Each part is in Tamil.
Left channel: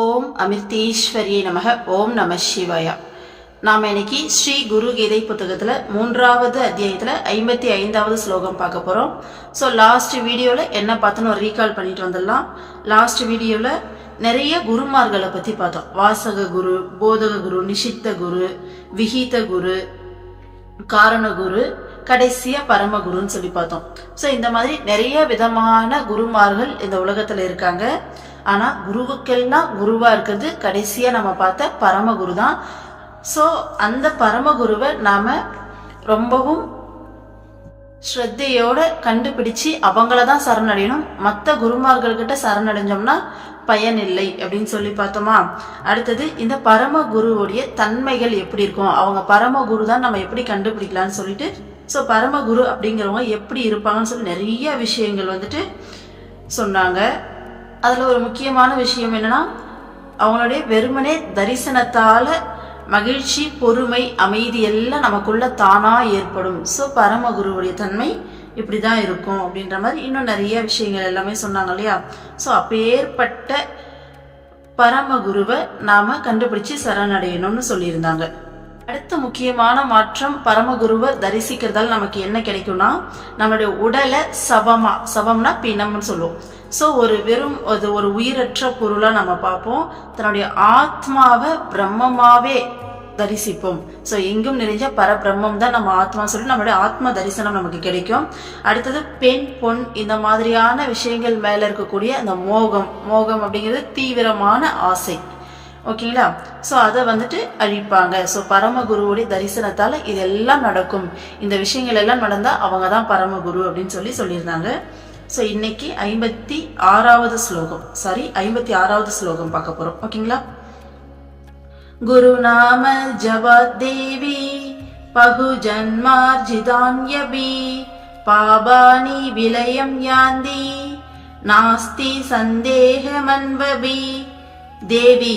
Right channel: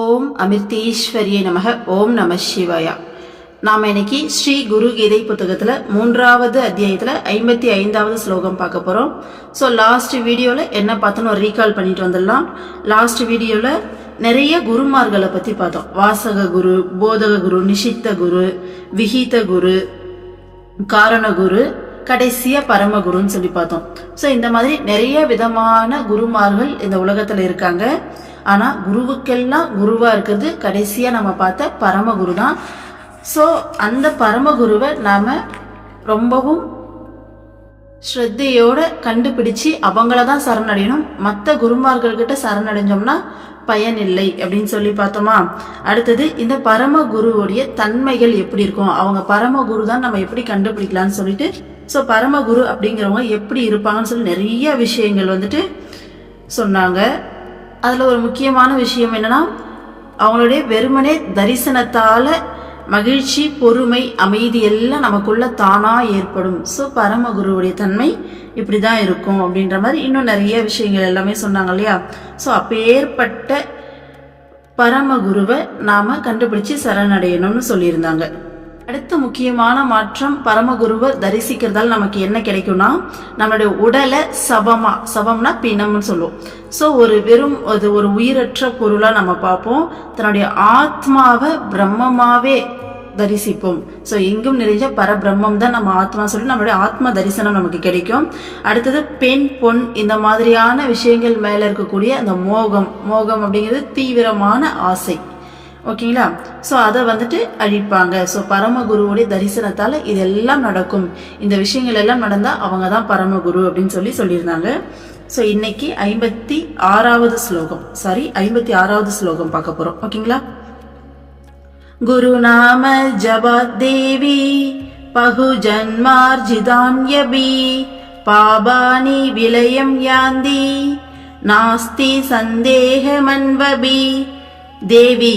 ஓம் அமிர்தீஸ்வரியை நமக. ஓம் நம சிவாயா. நாம் இன்னைக்கு ஸ்ரீ குரு கீதை புத்தகத்தில் 3வது அத்தியாயத்தில் 55வது ஸ்லோகம் பார்க்க போகிறோம். ஸோ லாஸ்ட் வீடியோவில் என்ன பார்த்தோன்னு ஒரு ரீகால் பண்ணிட்டு வந்துடலாம். லாஸ்ட் வீடியோவில் நிறைய குருமார்களை பற்றி பார்த்தோம். வாசக குரு, போதக குரு, நிஷித்த குரு, விஹீத குரு, காரண குரு, கடைசியா பரமகுருன்னு சொல்லி பார்த்தோம். ஸோ இந்த மாதிரி நிறைய விதமான குருமார்கள் இந்த உலகத்தில் இருக்காங்க. ஆனா குருவுக்கெல்லாம் குருவா இருக்கிறது கடைசியா நம்ம பார்த்த பரமகுரு தான். ஸோ அந்த பரமகுருவை நாம ரொம்பவும் ஸ்ரத்தையோட கண்டுபிடிச்சு அவங்களதான் சரணடையணும். மற்ற குருமார்கள்கிட்ட சரணடைஞ்சோம்னா பயன் இல்லை அப்படின்னு சொல்லி பார்த்தோமா. அடுத்தது இந்த பரமகுருவுடைய தன்மைகள் எப்படி இருக்கும், அவங்க பரமகுரு தான் நம்ம எப்படி கண்டுபிடிக்கலாம்னு சொல்லிட்டு, ஸோ பரமகுரு அப்படிங்கிறவங்க எப்படி இருப்பாங்கன்னு சொல்லி நிறைய விஷயங்கள் சொன்னாங்க. அதில் ஒரு முக்கியமான விஷயம் என்னன்னா, அவங்களுடைய வெறுமனே தரிசனத்தால மகிழ்ச்சி, பொறுமை, அமைதி எல்லாம் நமக்குள்ள தானா ஏற்படும். ஸோ பரமகுருவுடைய தன்மை இப்படிதான் இருக்கும் அப்படின்ற மாதிரி இன்னும் நிறைய விஷயங்கள் எல்லாமே சொன்னாங்க இல்லையா. ஸோ அப்பேற்பட்ட பரமகுருவை நாம கண்டுபிடிச்சு சரணடையணும்னு சொல்லியிருந்தாங்க. அடுத்த முக்கியமான மாற்றம், பரமகுருவை தரிசிக்கிறதால நமக்கு என்ன கிடைக்கும்னா, நம்மளுடைய உடலை சவம்னா பிணம்னு சொல்லுவோம். ஸோ ஒரு உயிரற்ற பொருளா நம்ம பார்ப்போம். தன்னுடைய ஆத்மாவை பிரம்மமாவே தரிசிப்போம். ஸோ எங்கும் நிறைஞ்ச பரபிரம்மம் தான் நம்ம ஆத்மா சொல்லி நம்மளுடைய ஆத்ம தரிசனம் நமக்கு கிடைக்கும். அடுத்தது பெண், பொன் இந்த மாதிரியான விஷயங்கள் மேல இருக்கக்கூடிய அந்த மோகம் அப்படிங்கிறது தீவிரமான ஆசை. ஓகேங்களா. ஸோ அதை அழிப்பாங்க. ஸோ பரமகுருவுடைய தரிசனத்தால இதெல்லாம் நடக்கும். இந்த விஷயங்கள் எல்லாம் நடந்தா அவங்க தான் பரமகுரு அப்படின்னு சொல்லியிருந்தாங்க. ஸோ இன்னைக்கு 56வது ஸ்லோகம் பார்க்க போறோம். ஓகேங்களா. குரு நாம ஜபாத் தேவி பகு ஜன்மார்ஜிதான்யபி பாபானி விலயம் யாந்தி நாஸ்தி சந்தேகமன்வபி. தேவி,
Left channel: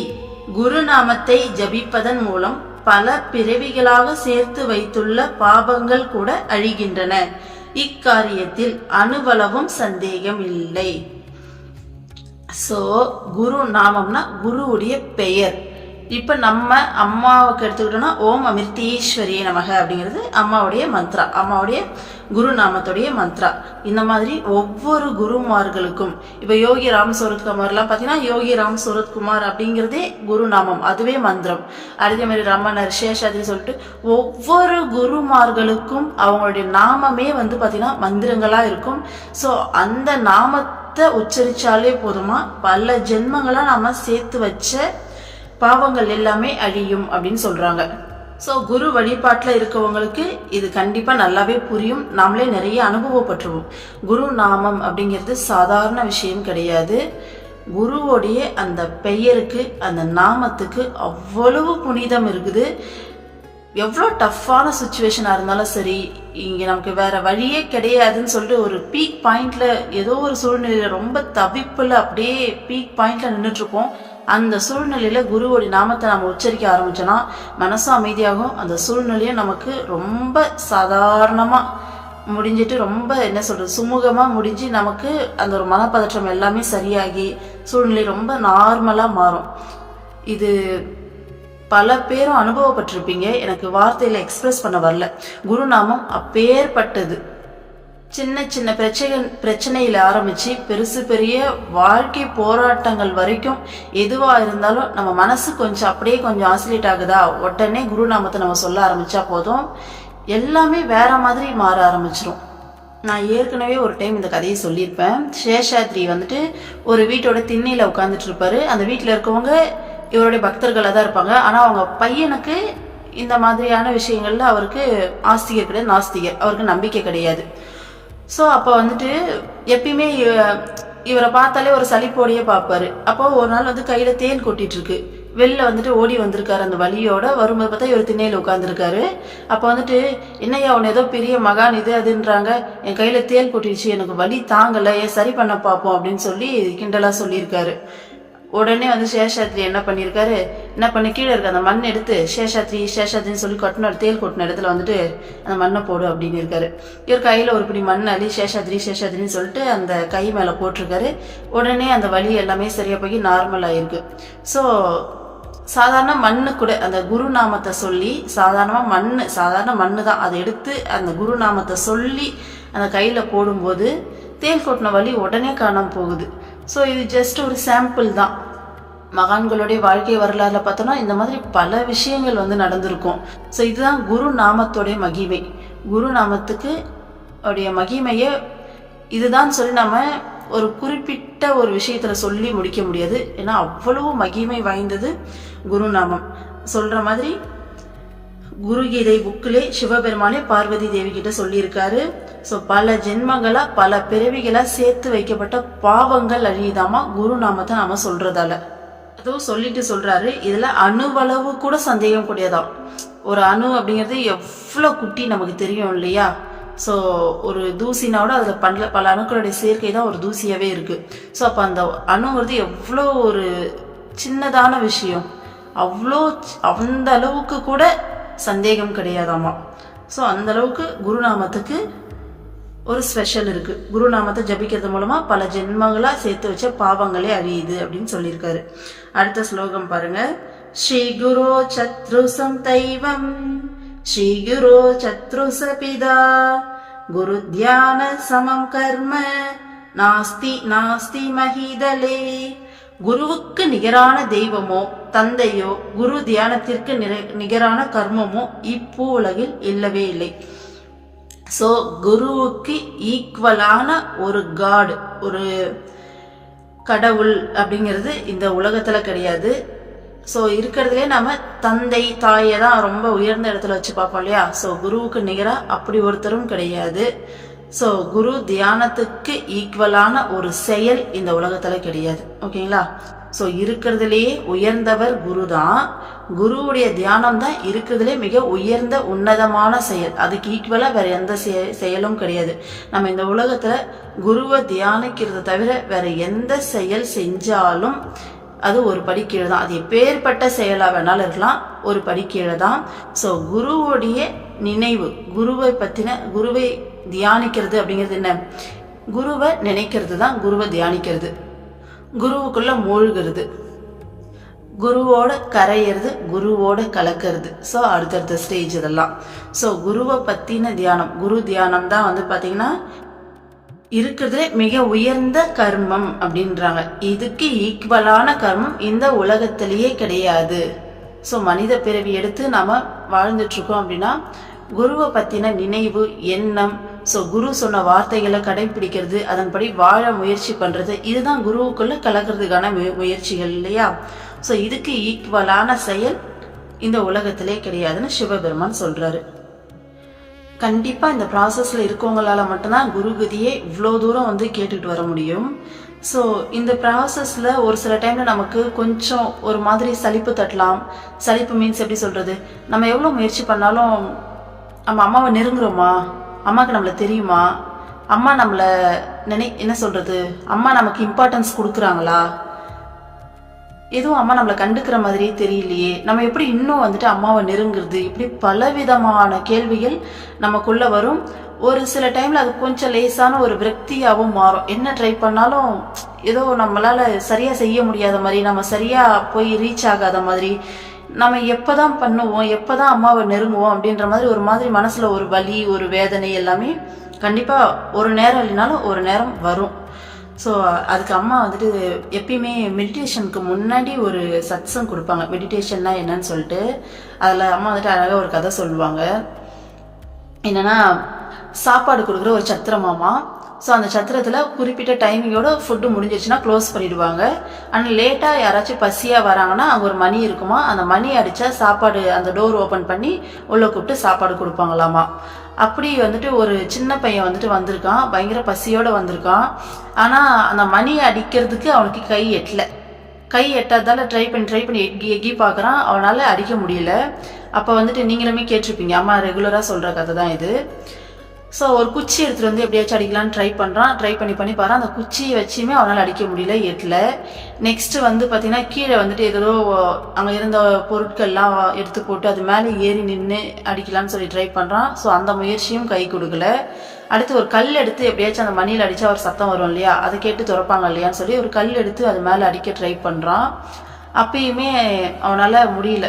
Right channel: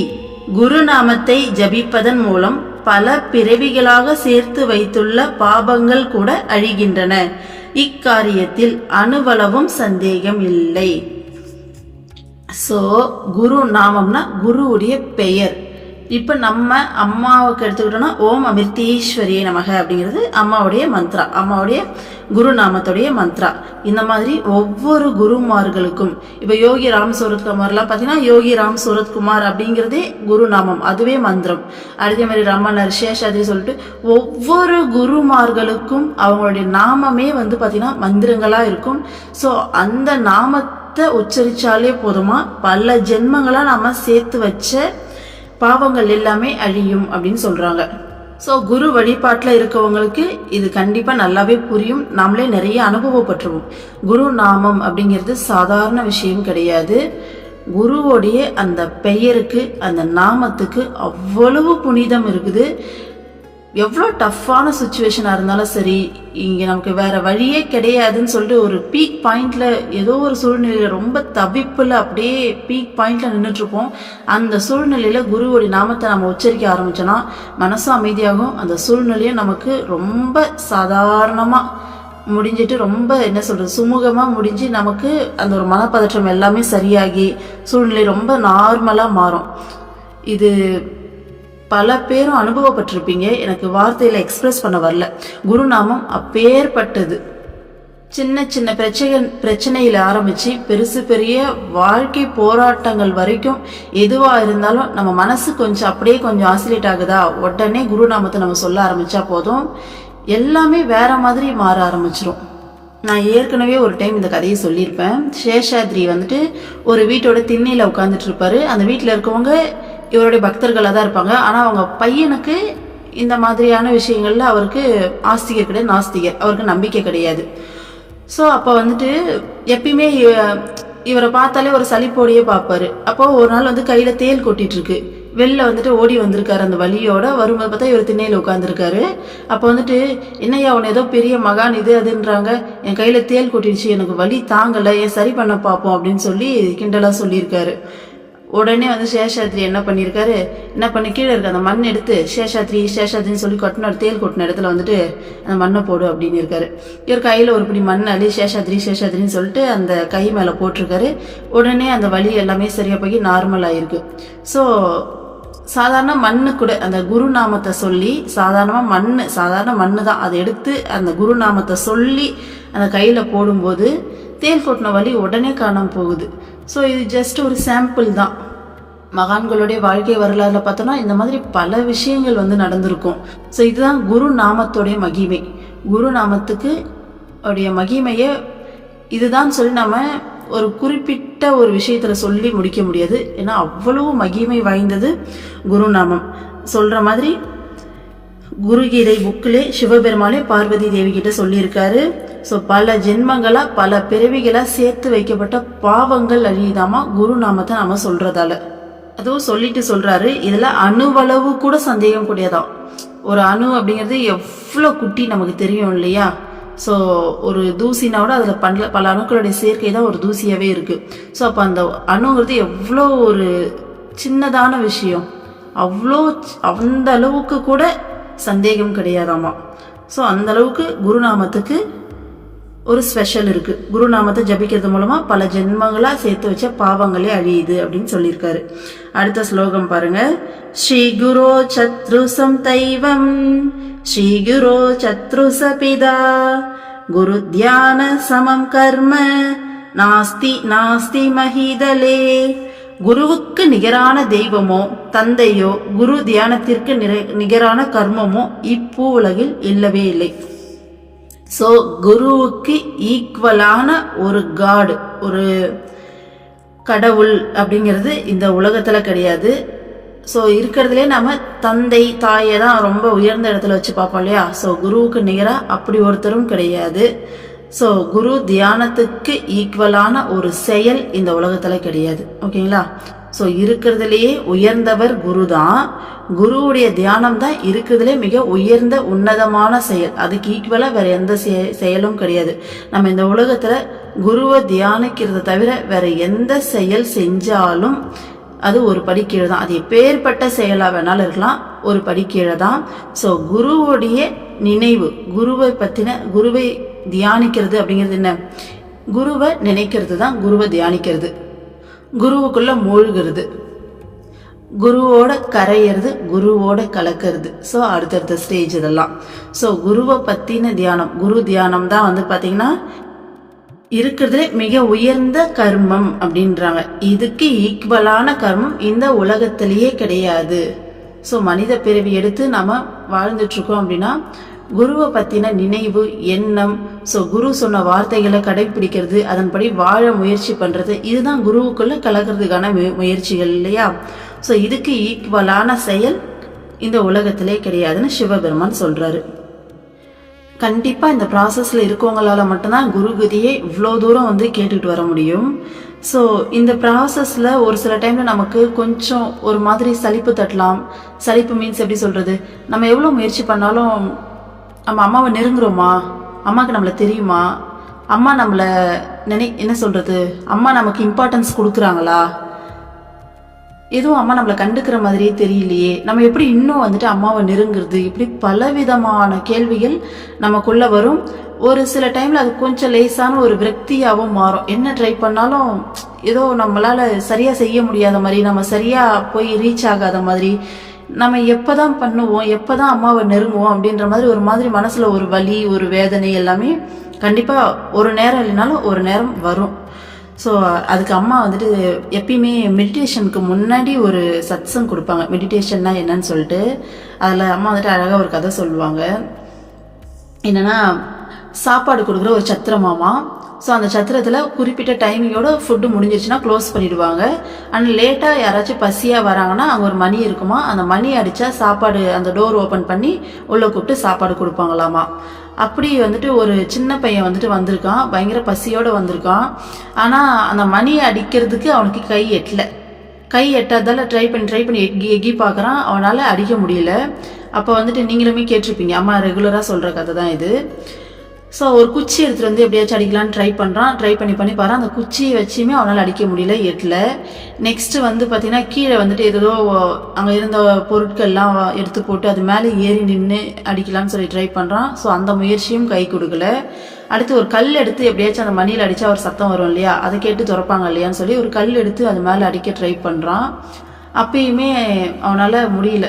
குருநாமத்தை ஜபிப்பதன் மூலம் பல பிறவிகளாக சேர்த்து வைத்துள்ள பாபங்கள் கூட அழிகின்றன. இக்காரியத்தில் அணுவளவும் சந்தேகம் இல்லை. சோ குரு நாமம்னா குருவுடைய பெயர். இப்ப நம்ம அம்மாவுக்கு எடுத்துக்கிட்டோம்னா ஓம் அமிர்தீஸ்வரியை நமக அப்படிங்கிறது அம்மாவுடைய மந்த்ரா, அம்மாவுடைய குருநாமத்துடைய மந்த்ரா. இந்த மாதிரி ஒவ்வொரு குருமார்களுக்கும், இப்ப யோகி ராம் சூரத்குமார் எல்லாம் பாத்தீங்கன்னா யோகி ராம் சூரத்குமார் அப்படிங்கிறதே குருநாமம், அதுவே மந்திரம். அதே மாதிரி ரமணர், சேஷாதிரி சொல்லிட்டு ஒவ்வொரு குருமார்களுக்கும் அவங்களுடைய நாமமே பாத்தீங்கன்னா மந்திரங்களா இருக்கும். சோ அந்த நாமத்தை உச்சரிச்சாலே போதுமா, பல ஜென்மங்களா நாம சேர்த்து வச்ச பாவங்கள் எல்லாமே அழியும் அப்படின்னு சொல்றாங்க. ஸோ குரு வழிபாட்டில் இருக்கவங்களுக்கு இது கண்டிப்பா நல்லாவே புரியும். நாமளே நிறைய அனுபவப்பட்டுருவோம். குரு நாமம் அப்படிங்கிறது சாதாரண விஷயம் கிடையாது. குருவோடைய அந்த பெயருக்கு, அந்த நாமத்துக்கு அவ்வளவு புனிதம் இருக்குது. எவ்வளோ டஃப்பான சுச்சுவேஷனா இருந்தாலும் சரி, இங்க நமக்கு வேற வழியே கிடையாதுன்னு சொல்லிட்டு ஒரு பீக் பாயிண்ட்ல, ஏதோ ஒரு சூழ்நிலையில ரொம்ப தவிப்புல அப்படியே பீக் பாயிண்ட்ல நின்றுட்டு இருப்போம். அந்த சூழ்நிலையில குருவோடைய நாமத்தை நம்ம உச்சரிக்க ஆரம்பிச்சோம்னா மனசும் அமைதியாகும். அந்த சூழ்நிலையும் நமக்கு ரொம்ப சாதாரணமா முடிஞ்சிட்டு, ரொம்ப சுமூகமா முடிஞ்சு நமக்கு அந்த ஒரு மனப்பதற்றம் எல்லாமே சரியாகி சூழ்நிலை ரொம்ப நார்மலா மாறும். இது பல பேரும் அனுபவப்பட்டிருப்பீங்க. எனக்கு வார்த்தையில எக்ஸ்பிரஸ் பண்ண வரல. குருநாமம் அப்பேற்பட்டது. சின்ன சின்ன பிரச்சனையில ஆரம்பிச்சு பெரிய வாழ்க்கை போராட்டங்கள் வரைக்கும் எதுவா இருந்தாலும் நம்ம மனசு கொஞ்சம் ஆசிலேட் ஆகுதா, உடனே குருநாமத்தை நம்ம சொல்ல ஆரம்பிச்சா போதும், எல்லாமே வேற மாதிரி மாற ஆரம்பிச்சிரும். நான் ஏற்கனவே ஒரு டைம் இந்த கதையை சொல்லியிருப்பேன். சேஷாத்ரி ஒரு வீட்டோட திண்ணையில உட்கார்ந்துட்டு இருப்பாரு. அந்த வீட்டுல இருக்கவங்க இவருடைய பக்தர்களா தான் இருப்பாங்க. ஆனா அவங்க பையனுக்கு இந்த மாதிரியான விஷயங்கள்ல அவருக்கு ஆஸ்திகர் கிடையாது, நாஸ்திகர், அவருக்கு நம்பிக்கை கிடையாது. ஸோ அப்போ எப்பயுமே இவரை பார்த்தாலே ஒரு சலிப்போடையே பார்ப்பாரு. அப்போ ஒரு நாள் கையில தேல் கொட்டிட்டு இருக்கு. வெளில ஓடி வந்திருக்காரு. அந்த வலியோட வரும்போது பார்த்தா இவர் திண்ணையில உட்காந்துருக்காரு. அப்போ என்னையா அவன் ஏதோ பெரிய மகான் இது அதுன்றாங்க, என் கையில தேல் கொட்டிடுச்சு, எனக்கு வலி தாங்கல, ஏன் சரி பண்ண பார்ப்போம் அப்படின்னு சொல்லி கிண்டலா சொல்லியிருக்காரு. உடனே வந்து சேஷாத்ரி என்ன பண்ணி கீழே இருக்க அந்த மண் எடுத்து சேஷாத்ரின்னு சொல்லி தேல் கொட்டின இடத்துல வந்துட்டு அந்த மண்ணை போடு அப்படின்னு இருக்காரு. இவர் கையில் ஒரு பிடி மண் அள்ளி சேஷாத்ரின்னு சொல்லிட்டு அந்த கை மேலே போட்டிருக்காரு. உடனே அந்த வலி எல்லாமே சரியா போய் நார்மல் ஆயிருக்கு. ஸோ சாதாரண மண்ணு கூட அந்த குருநாமத்தை சொல்லி சாதாரண மண்ணு தான் அதை எடுத்து அந்த குருநாமத்தை சொல்லி அந்த கையில் போடும்போது தேல் கொட்டின வலி உடனே காணாம போகுது. ஸோ இது ஜஸ்ட் ஒரு சாம்பிள் தான். மகான்களுடைய வாழ்க்கை வரலாறுல பார்த்தோம்னா இந்த மாதிரி பல விஷயங்கள் வந்து நடந்திருக்கும். ஸோ இதுதான் குரு நாமத்தோடைய மகிமை. குரு நாமத்துக்கு உடைய மகிமையை இதுதான் சொல்லி நம்ம ஒரு குறிப்பிட்ட ஒரு விஷயத்துல சொல்லி முடிக்க முடியாது. ஏன்னா அவ்வளவு மகிமை வாய்ந்தது குருநாமம். சொல்ற மாதிரி குருகீதை புக்கிலே சிவபெருமானே பார்வதி தேவி கிட்ட சொல்லியிருக்காரு. ஸோ பல ஜென்மங்களா பல பிறவிகளா சேர்த்து வைக்கப்பட்ட பாவங்கள் அழியுதாமா குருநாமத்தை நாம சொல்றதால. அதுவும் சொல்லிட்டு சொல்றாரு, இதுல அணுவளவு கூட சந்தேகம் கூடியதான். ஒரு அணு அப்படிங்கிறது எவ்வளவு குட்டி நமக்கு தெரியும் இல்லையா? ஸோ ஒரு தூசினாவோட அதில் பல அணுக்களுடைய சேர்க்கை தான் ஒரு தூசியாகவே இருக்குது. ஸோ அப்போ அந்த அணுங்கிறது எவ்வளோ ஒரு சின்னதான விஷயம், அந்த அளவுக்கு கூட சந்தேகம் கிடையாதாமா. ஸோ அந்த அளவுக்கு குருநாமத்துக்கு ஒரு ஸ்பெஷல் இருக்குது. குருநாமத்தை ஜபிக்கிறது மூலமாக பல ஜென்மங்களாக சேர்த்து வச்ச பாவங்களே அழியுது அப்படின்னு சொல்லியிருக்காரு. அடுத்த ஸ்லோகம் பாருங்க. ஸ்ரீ குரு சத்ருசம் தெய்வம் ஸ்ரீ குரு சத்ருசபிதா குரு தியான சமம் கர்ம நாஸ்தி நாஸ்தி மஹிதலே. குருவுக்கு நிகரான தெய்வமோ தந்தையோ குரு தியானத்திற்கு நிகரான கர்மமோ இப்பூ உலகில் இல்லவே இல்லை. ஸோ குருவுக்கு ஈக்குவலான ஒரு காட், ஒரு கடவுள் அப்படிங்கிறது இந்த உலகத்துல கிடையாது. ஸோ இருக்கிறதுலே நம்ம தந்தை தாயை தான் ரொம்ப உயர்ந்த இடத்துல வச்சு பார்ப்போம் இல்லையா? ஸோ குருவுக்கு நிகராக அப்படி ஒருத்தரும் கிடையாது. ஸோ குரு தியானத்துக்கு ஈக்குவலான ஒரு செயல் இந்த உலகத்துல கிடையாது. ஓகேங்களா? ஸோ இருக்கிறதுலேயே உயர்ந்தவர் குரு தான். குருவுடைய தியானம் தான் இருக்கிறதுலே மிக உயர்ந்த உன்னதமான செயல். அதுக்கு ஈக்குவலா வேற எந்த செயலும் கிடையாது. நம்ம இந்த உலகத்துல குருவை தியானிக்கிறத தவிர வேற எந்த செயல் செஞ்சாலும் அது ஒரு படி கீழே தான். அது எப்பேற்பட்ட செயலா வேணாலும் இருக்கலாம், ஒரு படி கீழே தான். ஸோ குருவுடைய நினைவு, குருவை தியானிக்கிறது அப்படிங்கிறது என்ன? குருவை நினைக்கிறது தான் குருவை தியானிக்கிறது. குருவுக்குள்ள மூழ்கிறது, குருவோட கரையிறது, குருவோட கலக்கிறது. ஸோ அடுத்தடுத்த ஸ்டேஜ் இதெல்லாம். ஸோ குருவை பத்தின தியானம், குரு தியானம் தான் வந்து பாத்தீங்கன்னா இருக்கிறதுல மிக உயர்ந்த கர்மம் அப்படின்றாங்க. இதுக்கு ஈக்குவலான கர்மம் இந்த உலகத்திலேயே கிடையாது. ஸோ மனித பிறவி எடுத்து நம்ம வாழ்ந்துட்டு இருக்கோம் அப்படின்னா குருவை பத்தின நினைவு, எண்ணம், ஸோ குரு சொன்ன வார்த்தைகளை கடைபிடிக்கிறது, அதன்படி வாழ முயற்சி பண்றது, இதுதான் குருவுக்குள்ள கலக்கிறதுக்கான முயற்சிகள் இல்லையா? ஸோ இதுக்கு ஈக்குவலான செயல் இந்த உலகத்திலே கிடையாதுன்னு சிவபெருமான் சொல்றாரு. கண்டிப்பா இந்த ப்ராசஸ்ல இருக்கவங்களால மட்டும்தான் குருகதியை இவ்வளோ தூரம் வந்து கேட்டுட்டு வர முடியும். ஸோ இந்த ப்ராசஸ்ல ஒரு சில டைம்ல நமக்கு கொஞ்சம் ஒரு மாதிரி சலிப்பு தட்டலாம். சலிப்பு மீன்ஸ் எப்படி சொல்றது? நம்ம எவ்வளோ முயற்சி பண்ணாலும் நம்ம அம்மாவை நெருங்குறோமா? அம்மாவுக்கு நம்மள தெரியுமா? அம்மா நம்மள என்ன சொல்றது, அம்மா நமக்கு இம்பார்ட்டன்ஸ் கொடுக்குறாங்களா? எதுவும் அம்மா நம்மளை கண்டுக்கிற மாதிரியே தெரியலையே, நம்ம எப்படி இன்னும் வந்துட்டு அம்மாவை நெருங்குறது? இப்படி பலவிதமான கேள்விகள் நமக்குள்ள வரும். ஒரு சில டைம்ல அது கொஞ்சம் லேசான ஒரு விரக்தியாகவும் மாறும். என்ன ட்ரை பண்ணாலும் ஏதோ நம்மளால சரியா செய்ய முடியாத மாதிரி, நம்ம சரியா போய் ரீச் ஆகாத மாதிரி, நம்ம எப்பதான் பண்ணுவோம், எப்பதான் அம்மாவை நெருங்குவோம் அப்படின்ற மாதிரி ஒரு மாதிரி மனசுல ஒரு வலி, ஒரு வேதனை எல்லாமே கண்டிப்பா ஒரு நேரம் இல்லைனாலும் ஒரு நேரம் வரும். ஸோ அதுக்கு அம்மா வந்துட்டு எப்பயுமே மெடிடேஷனுக்கு முன்னாடி ஒரு சத்சங் கொடுப்பாங்க. மெடிடேஷன்னா என்னன்னு சொல்லிட்டு அதில் அம்மா வந்துட்டு அழகாக ஒரு கதை சொல்லுவாங்க. என்னன்னா, சாப்பாடு கொடுக்குற ஒரு சத்திரமாமா. ஸோ அந்த சத்திரத்தில் குறிப்பிட்ட டைமிங்கோட ஃபுட்டு முடிஞ்சிருச்சுன்னா க்ளோஸ் பண்ணிடுவாங்க. ஆனால் லேட்டாக யாராச்சும் பசியாக வராங்கன்னா அங்கே ஒரு மணி இருக்குமா, அந்த மணி அடித்தா சாப்பாடு, அந்த டோர் ஓப்பன் பண்ணி உள்ளே கூப்பிட்டு சாப்பாடு கொடுப்பாங்களாமா. அப்படி வந்துட்டு ஒரு சின்ன பையன் வந்துட்டு வந்திருக்கான், பயங்கர பசியோட வந்திருக்கான். ஆனால் அந்த மணி அடிக்கிறதுக்கு அவனுக்கு கை எட்டாதால ட்ரை பண்ணி எக்கி பார்க்குறான், அவனால் அடிக்க முடியல. அப்போ வந்துட்டு நீங்களுமே கேட்டிருப்பீங்க, அம்மா ரெகுலராக சொல்கிற கதை தான் இது. ஸோ ஒரு குச்சி எடுத்துகிட்டு வந்து எப்படியாச்சும் அடிக்கலான்னு ட்ரை பண்ணி பாரு. அந்த குச்சியை வச்சுமே அவனால் அடிக்க முடியல, எட்டில். நெக்ஸ்ட்டு வந்து பார்த்தீங்கன்னா கீழே வந்துட்டு ஏதோ அங்கே இருந்த பொருட்கள்லாம் எடுத்து போட்டு அது மேலே ஏறி நின்று அடிக்கலான்னு சொல்லி ட்ரை பண்ணுறான். ஸோ அந்த முயற்சியும் கை கொடுக்கல. அடுத்து ஒரு கல் எடுத்து எப்படியாச்சும் அந்த மணியில் அடித்தா ஒரு சத்தம் வரும் இல்லையா, அதை கேட்டு திறப்பாங்க இல்லையான்னு சொல்லி ஒரு கல் எடுத்து அது மேலே அடிக்க ட்ரை பண்ணுறான். அப்பயுமே அவனால் முடியல.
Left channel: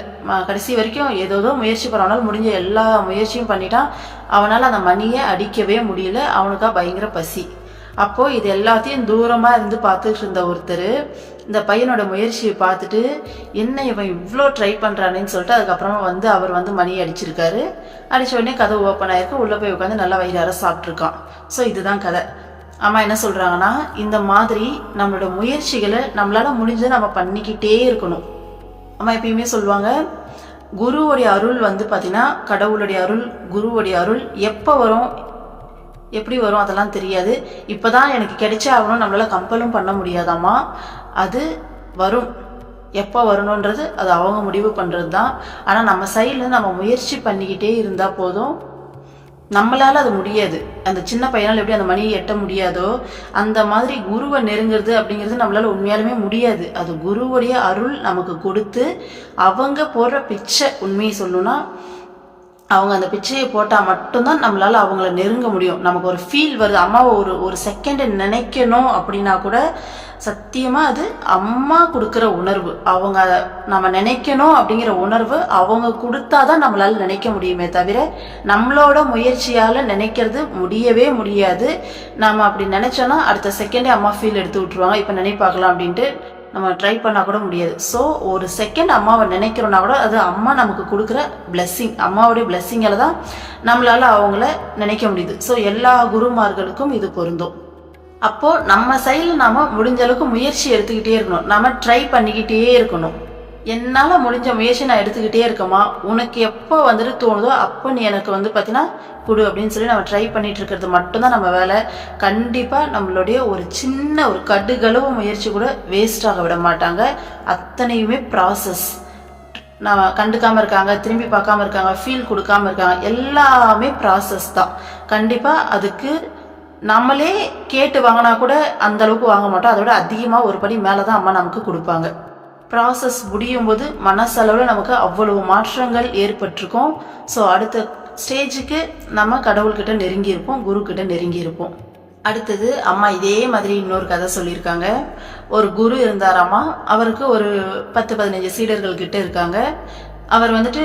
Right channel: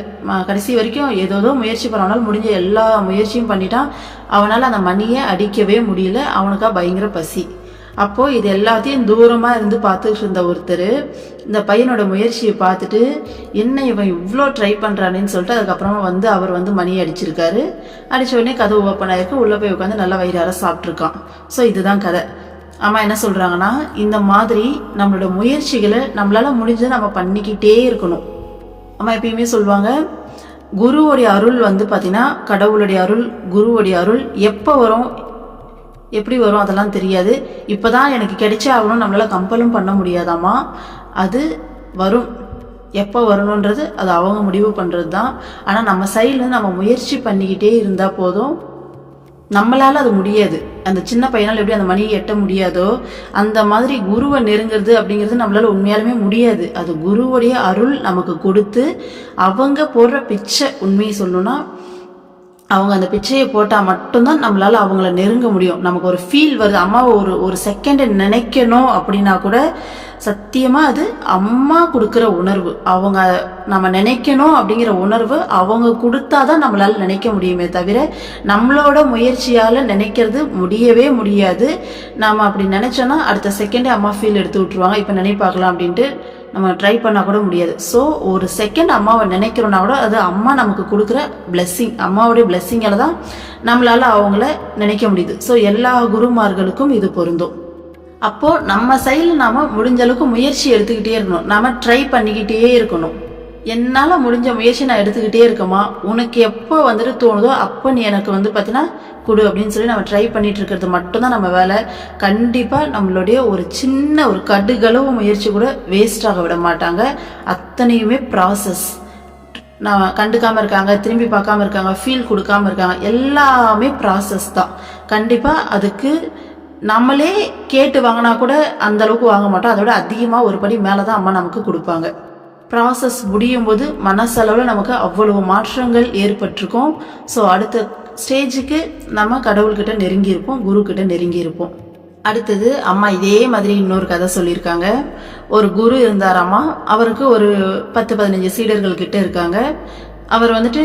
கடைசி வரைக்கும் ஏதோ முயற்சி பண்ண, அவனால் முடிஞ்ச எல்லா முயற்சியும் பண்ணிட்டான். அவனால் அந்த மணியை அடிக்கவே முடியல. அவனுக்கா பயங்கர பசி. அப்போது இது எல்லாத்தையும் தூரமாக இருந்து பார்த்துட்டு இருந்த ஒருத்தர் இந்த பையனோட முயற்சியை பார்த்துட்டு என்ன இவன் இவ்வளோ ட்ரை பண்ணுறானேன்னு சொல்லிட்டு அதுக்கப்புறமா வந்து அவர் வந்து மணியை அடிச்சிருக்காரு. அடித்த உடனே கதவு ஓப்பன் ஆயிருக்கு. உள்ளே போய் உட்காந்து நல்லா வயிறார சாப்பிட்ருக்கான். ஸோ இதுதான் கதை. அம்மா என்ன சொல்கிறாங்கன்னா, இந்த மாதிரி நம்மளோட முயற்சிகளை நம்மளால் முடிஞ்சதை நம்ம பண்ணிக்கிட்டே இருக்கணும். அம்மா எப்பயுமே சொல்லுவாங்க, குருவுடைய அருள் வந்து பார்த்தீங்கன்னா, கடவுளுடைய அருள், குருவுடைய அருள் எப்போ வரும், எப்படி வரும் அதெல்லாம் தெரியாது. இப்போ தான் எனக்கு கிடைச்சே ஆகணும் நம்மளால் கம்பலும் பண்ண முடியாதாம்மா. அது வரும். எப்போ வரணுன்றது அது அவங்க முடிவு பண்ணுறது தான். ஆனால் நம்ம சைடில் நம்ம முயற்சி பண்ணிக்கிட்டே இருந்தால் போதும். நம்மளால அது முடியாது. அந்த சின்ன பையனால் எப்படி அந்த மணியை எட்ட முடியாதோ அந்த மாதிரி குருவை நெருங்கிறது அப்படிங்கிறது நம்மளால உண்மையாலுமே முடியாது. அது குருவுடைய அருள் நமக்கு கொடுத்து அவங்க போடுற பிச்சை. உண்மையை சொல்லணும்னா அவங்க அந்த பிச்சையை போட்டால் மட்டும்தான் நம்மளால அவங்கள நெருங்க முடியும். நமக்கு ஒரு ஃபீல் வருது, அம்மாவை ஒரு செகண்ட் நினைக்கணும் அப்படின்னா கூட சத்தியமாக அது அம்மா கொடுக்குற உணர்வு. அவங்க நம்ம நினைக்கணும் அப்படிங்கிற உணர்வு அவங்க கொடுத்தாதான் நம்மளால நினைக்க முடியுமே தவிர நம்மளோட முயற்சியால் நினைக்கிறது முடியவே முடியாது. நம்ம அப்படி நினைச்சோன்னா அடுத்த செகண்டே அம்மா ஃபீல் எடுத்து விட்டுருவாங்க. இப்போ நினைப்பாக்கலாம் அப்படின்ட்டு நம்ம ட்ரை பண்ணால் கூட முடியாது. ஸோ ஒரு செகண்ட் அம்மாவை நினைக்கிறோன்னா கூட அது அம்மா நமக்கு கொடுக்குற பிளெஸ்ஸிங். அம்மாவுடைய பிளெஸ்ஸிங்கால தான் நம்மளால அவங்கள நினைக்க முடியுது. ஸோ எல்லா குருமார்களுக்கும் இது பொருந்தும். அப்போது நம்ம சைடில் நாம் முடிஞ்ச அளவுக்கு முயற்சி எடுத்துக்கிட்டே இருக்கணும். நம்ம ட்ரை பண்ணிக்கிட்டே இருக்கணும். என்னால் முடிஞ்ச முயற்சி நான் எடுத்துக்கிட்டே இருக்கமா, உனக்கு எப்போ வந்துட்டு தோணுதோ அப்போ நீ எனக்கு வந்து பார்த்தீங்கன்னா கொடு அப்படின்னு சொல்லி நம்ம ட்ரை பண்ணிட்டு இருக்கிறது மட்டும்தான் நம்ம வேலை. கண்டிப்பாக நம்மளுடைய ஒரு சின்ன ஒரு கடுகளவு முயற்சி கூட வேஸ்டாக விட மாட்டாங்க. அத்தனையுமே ப்ராசஸ். நான் கண்டுக்காமல் இருக்காங்க, திரும்பி பார்க்காம இருக்காங்க, ஃபீல் கொடுக்காம இருக்காங்க, எல்லாமே ப்ராசஸ் தான். கண்டிப்பாக அதுக்கு நம்மளே கேட்டு வாங்கினா கூட அந்த அளவுக்கு வாங்க மாட்டோம். அதோட அதிகமாக ஒரு படி மேலே தான் அம்மா நமக்கு கொடுப்பாங்க. ப்ராசஸ் முடியும் போது மனசளவில் நமக்கு அவ்வளவு மாற்றங்கள் ஏற்பட்டிருக்கும். ஸோ அடுத்த ஸ்டேஜுக்கு நம்ம கடவுள்கிட்ட நெருங்கியிருப்போம், குருக்கிட்ட நெருங்கியிருப்போம். அடுத்தது அம்மா இதே மாதிரி இன்னொரு கதை சொல்லியிருக்காங்க. ஒரு குரு இருந்தாராம்மா. அவருக்கு ஒரு 10-15 சீடர்கள் கிட்ட இருக்காங்க. அவர் வந்துட்டு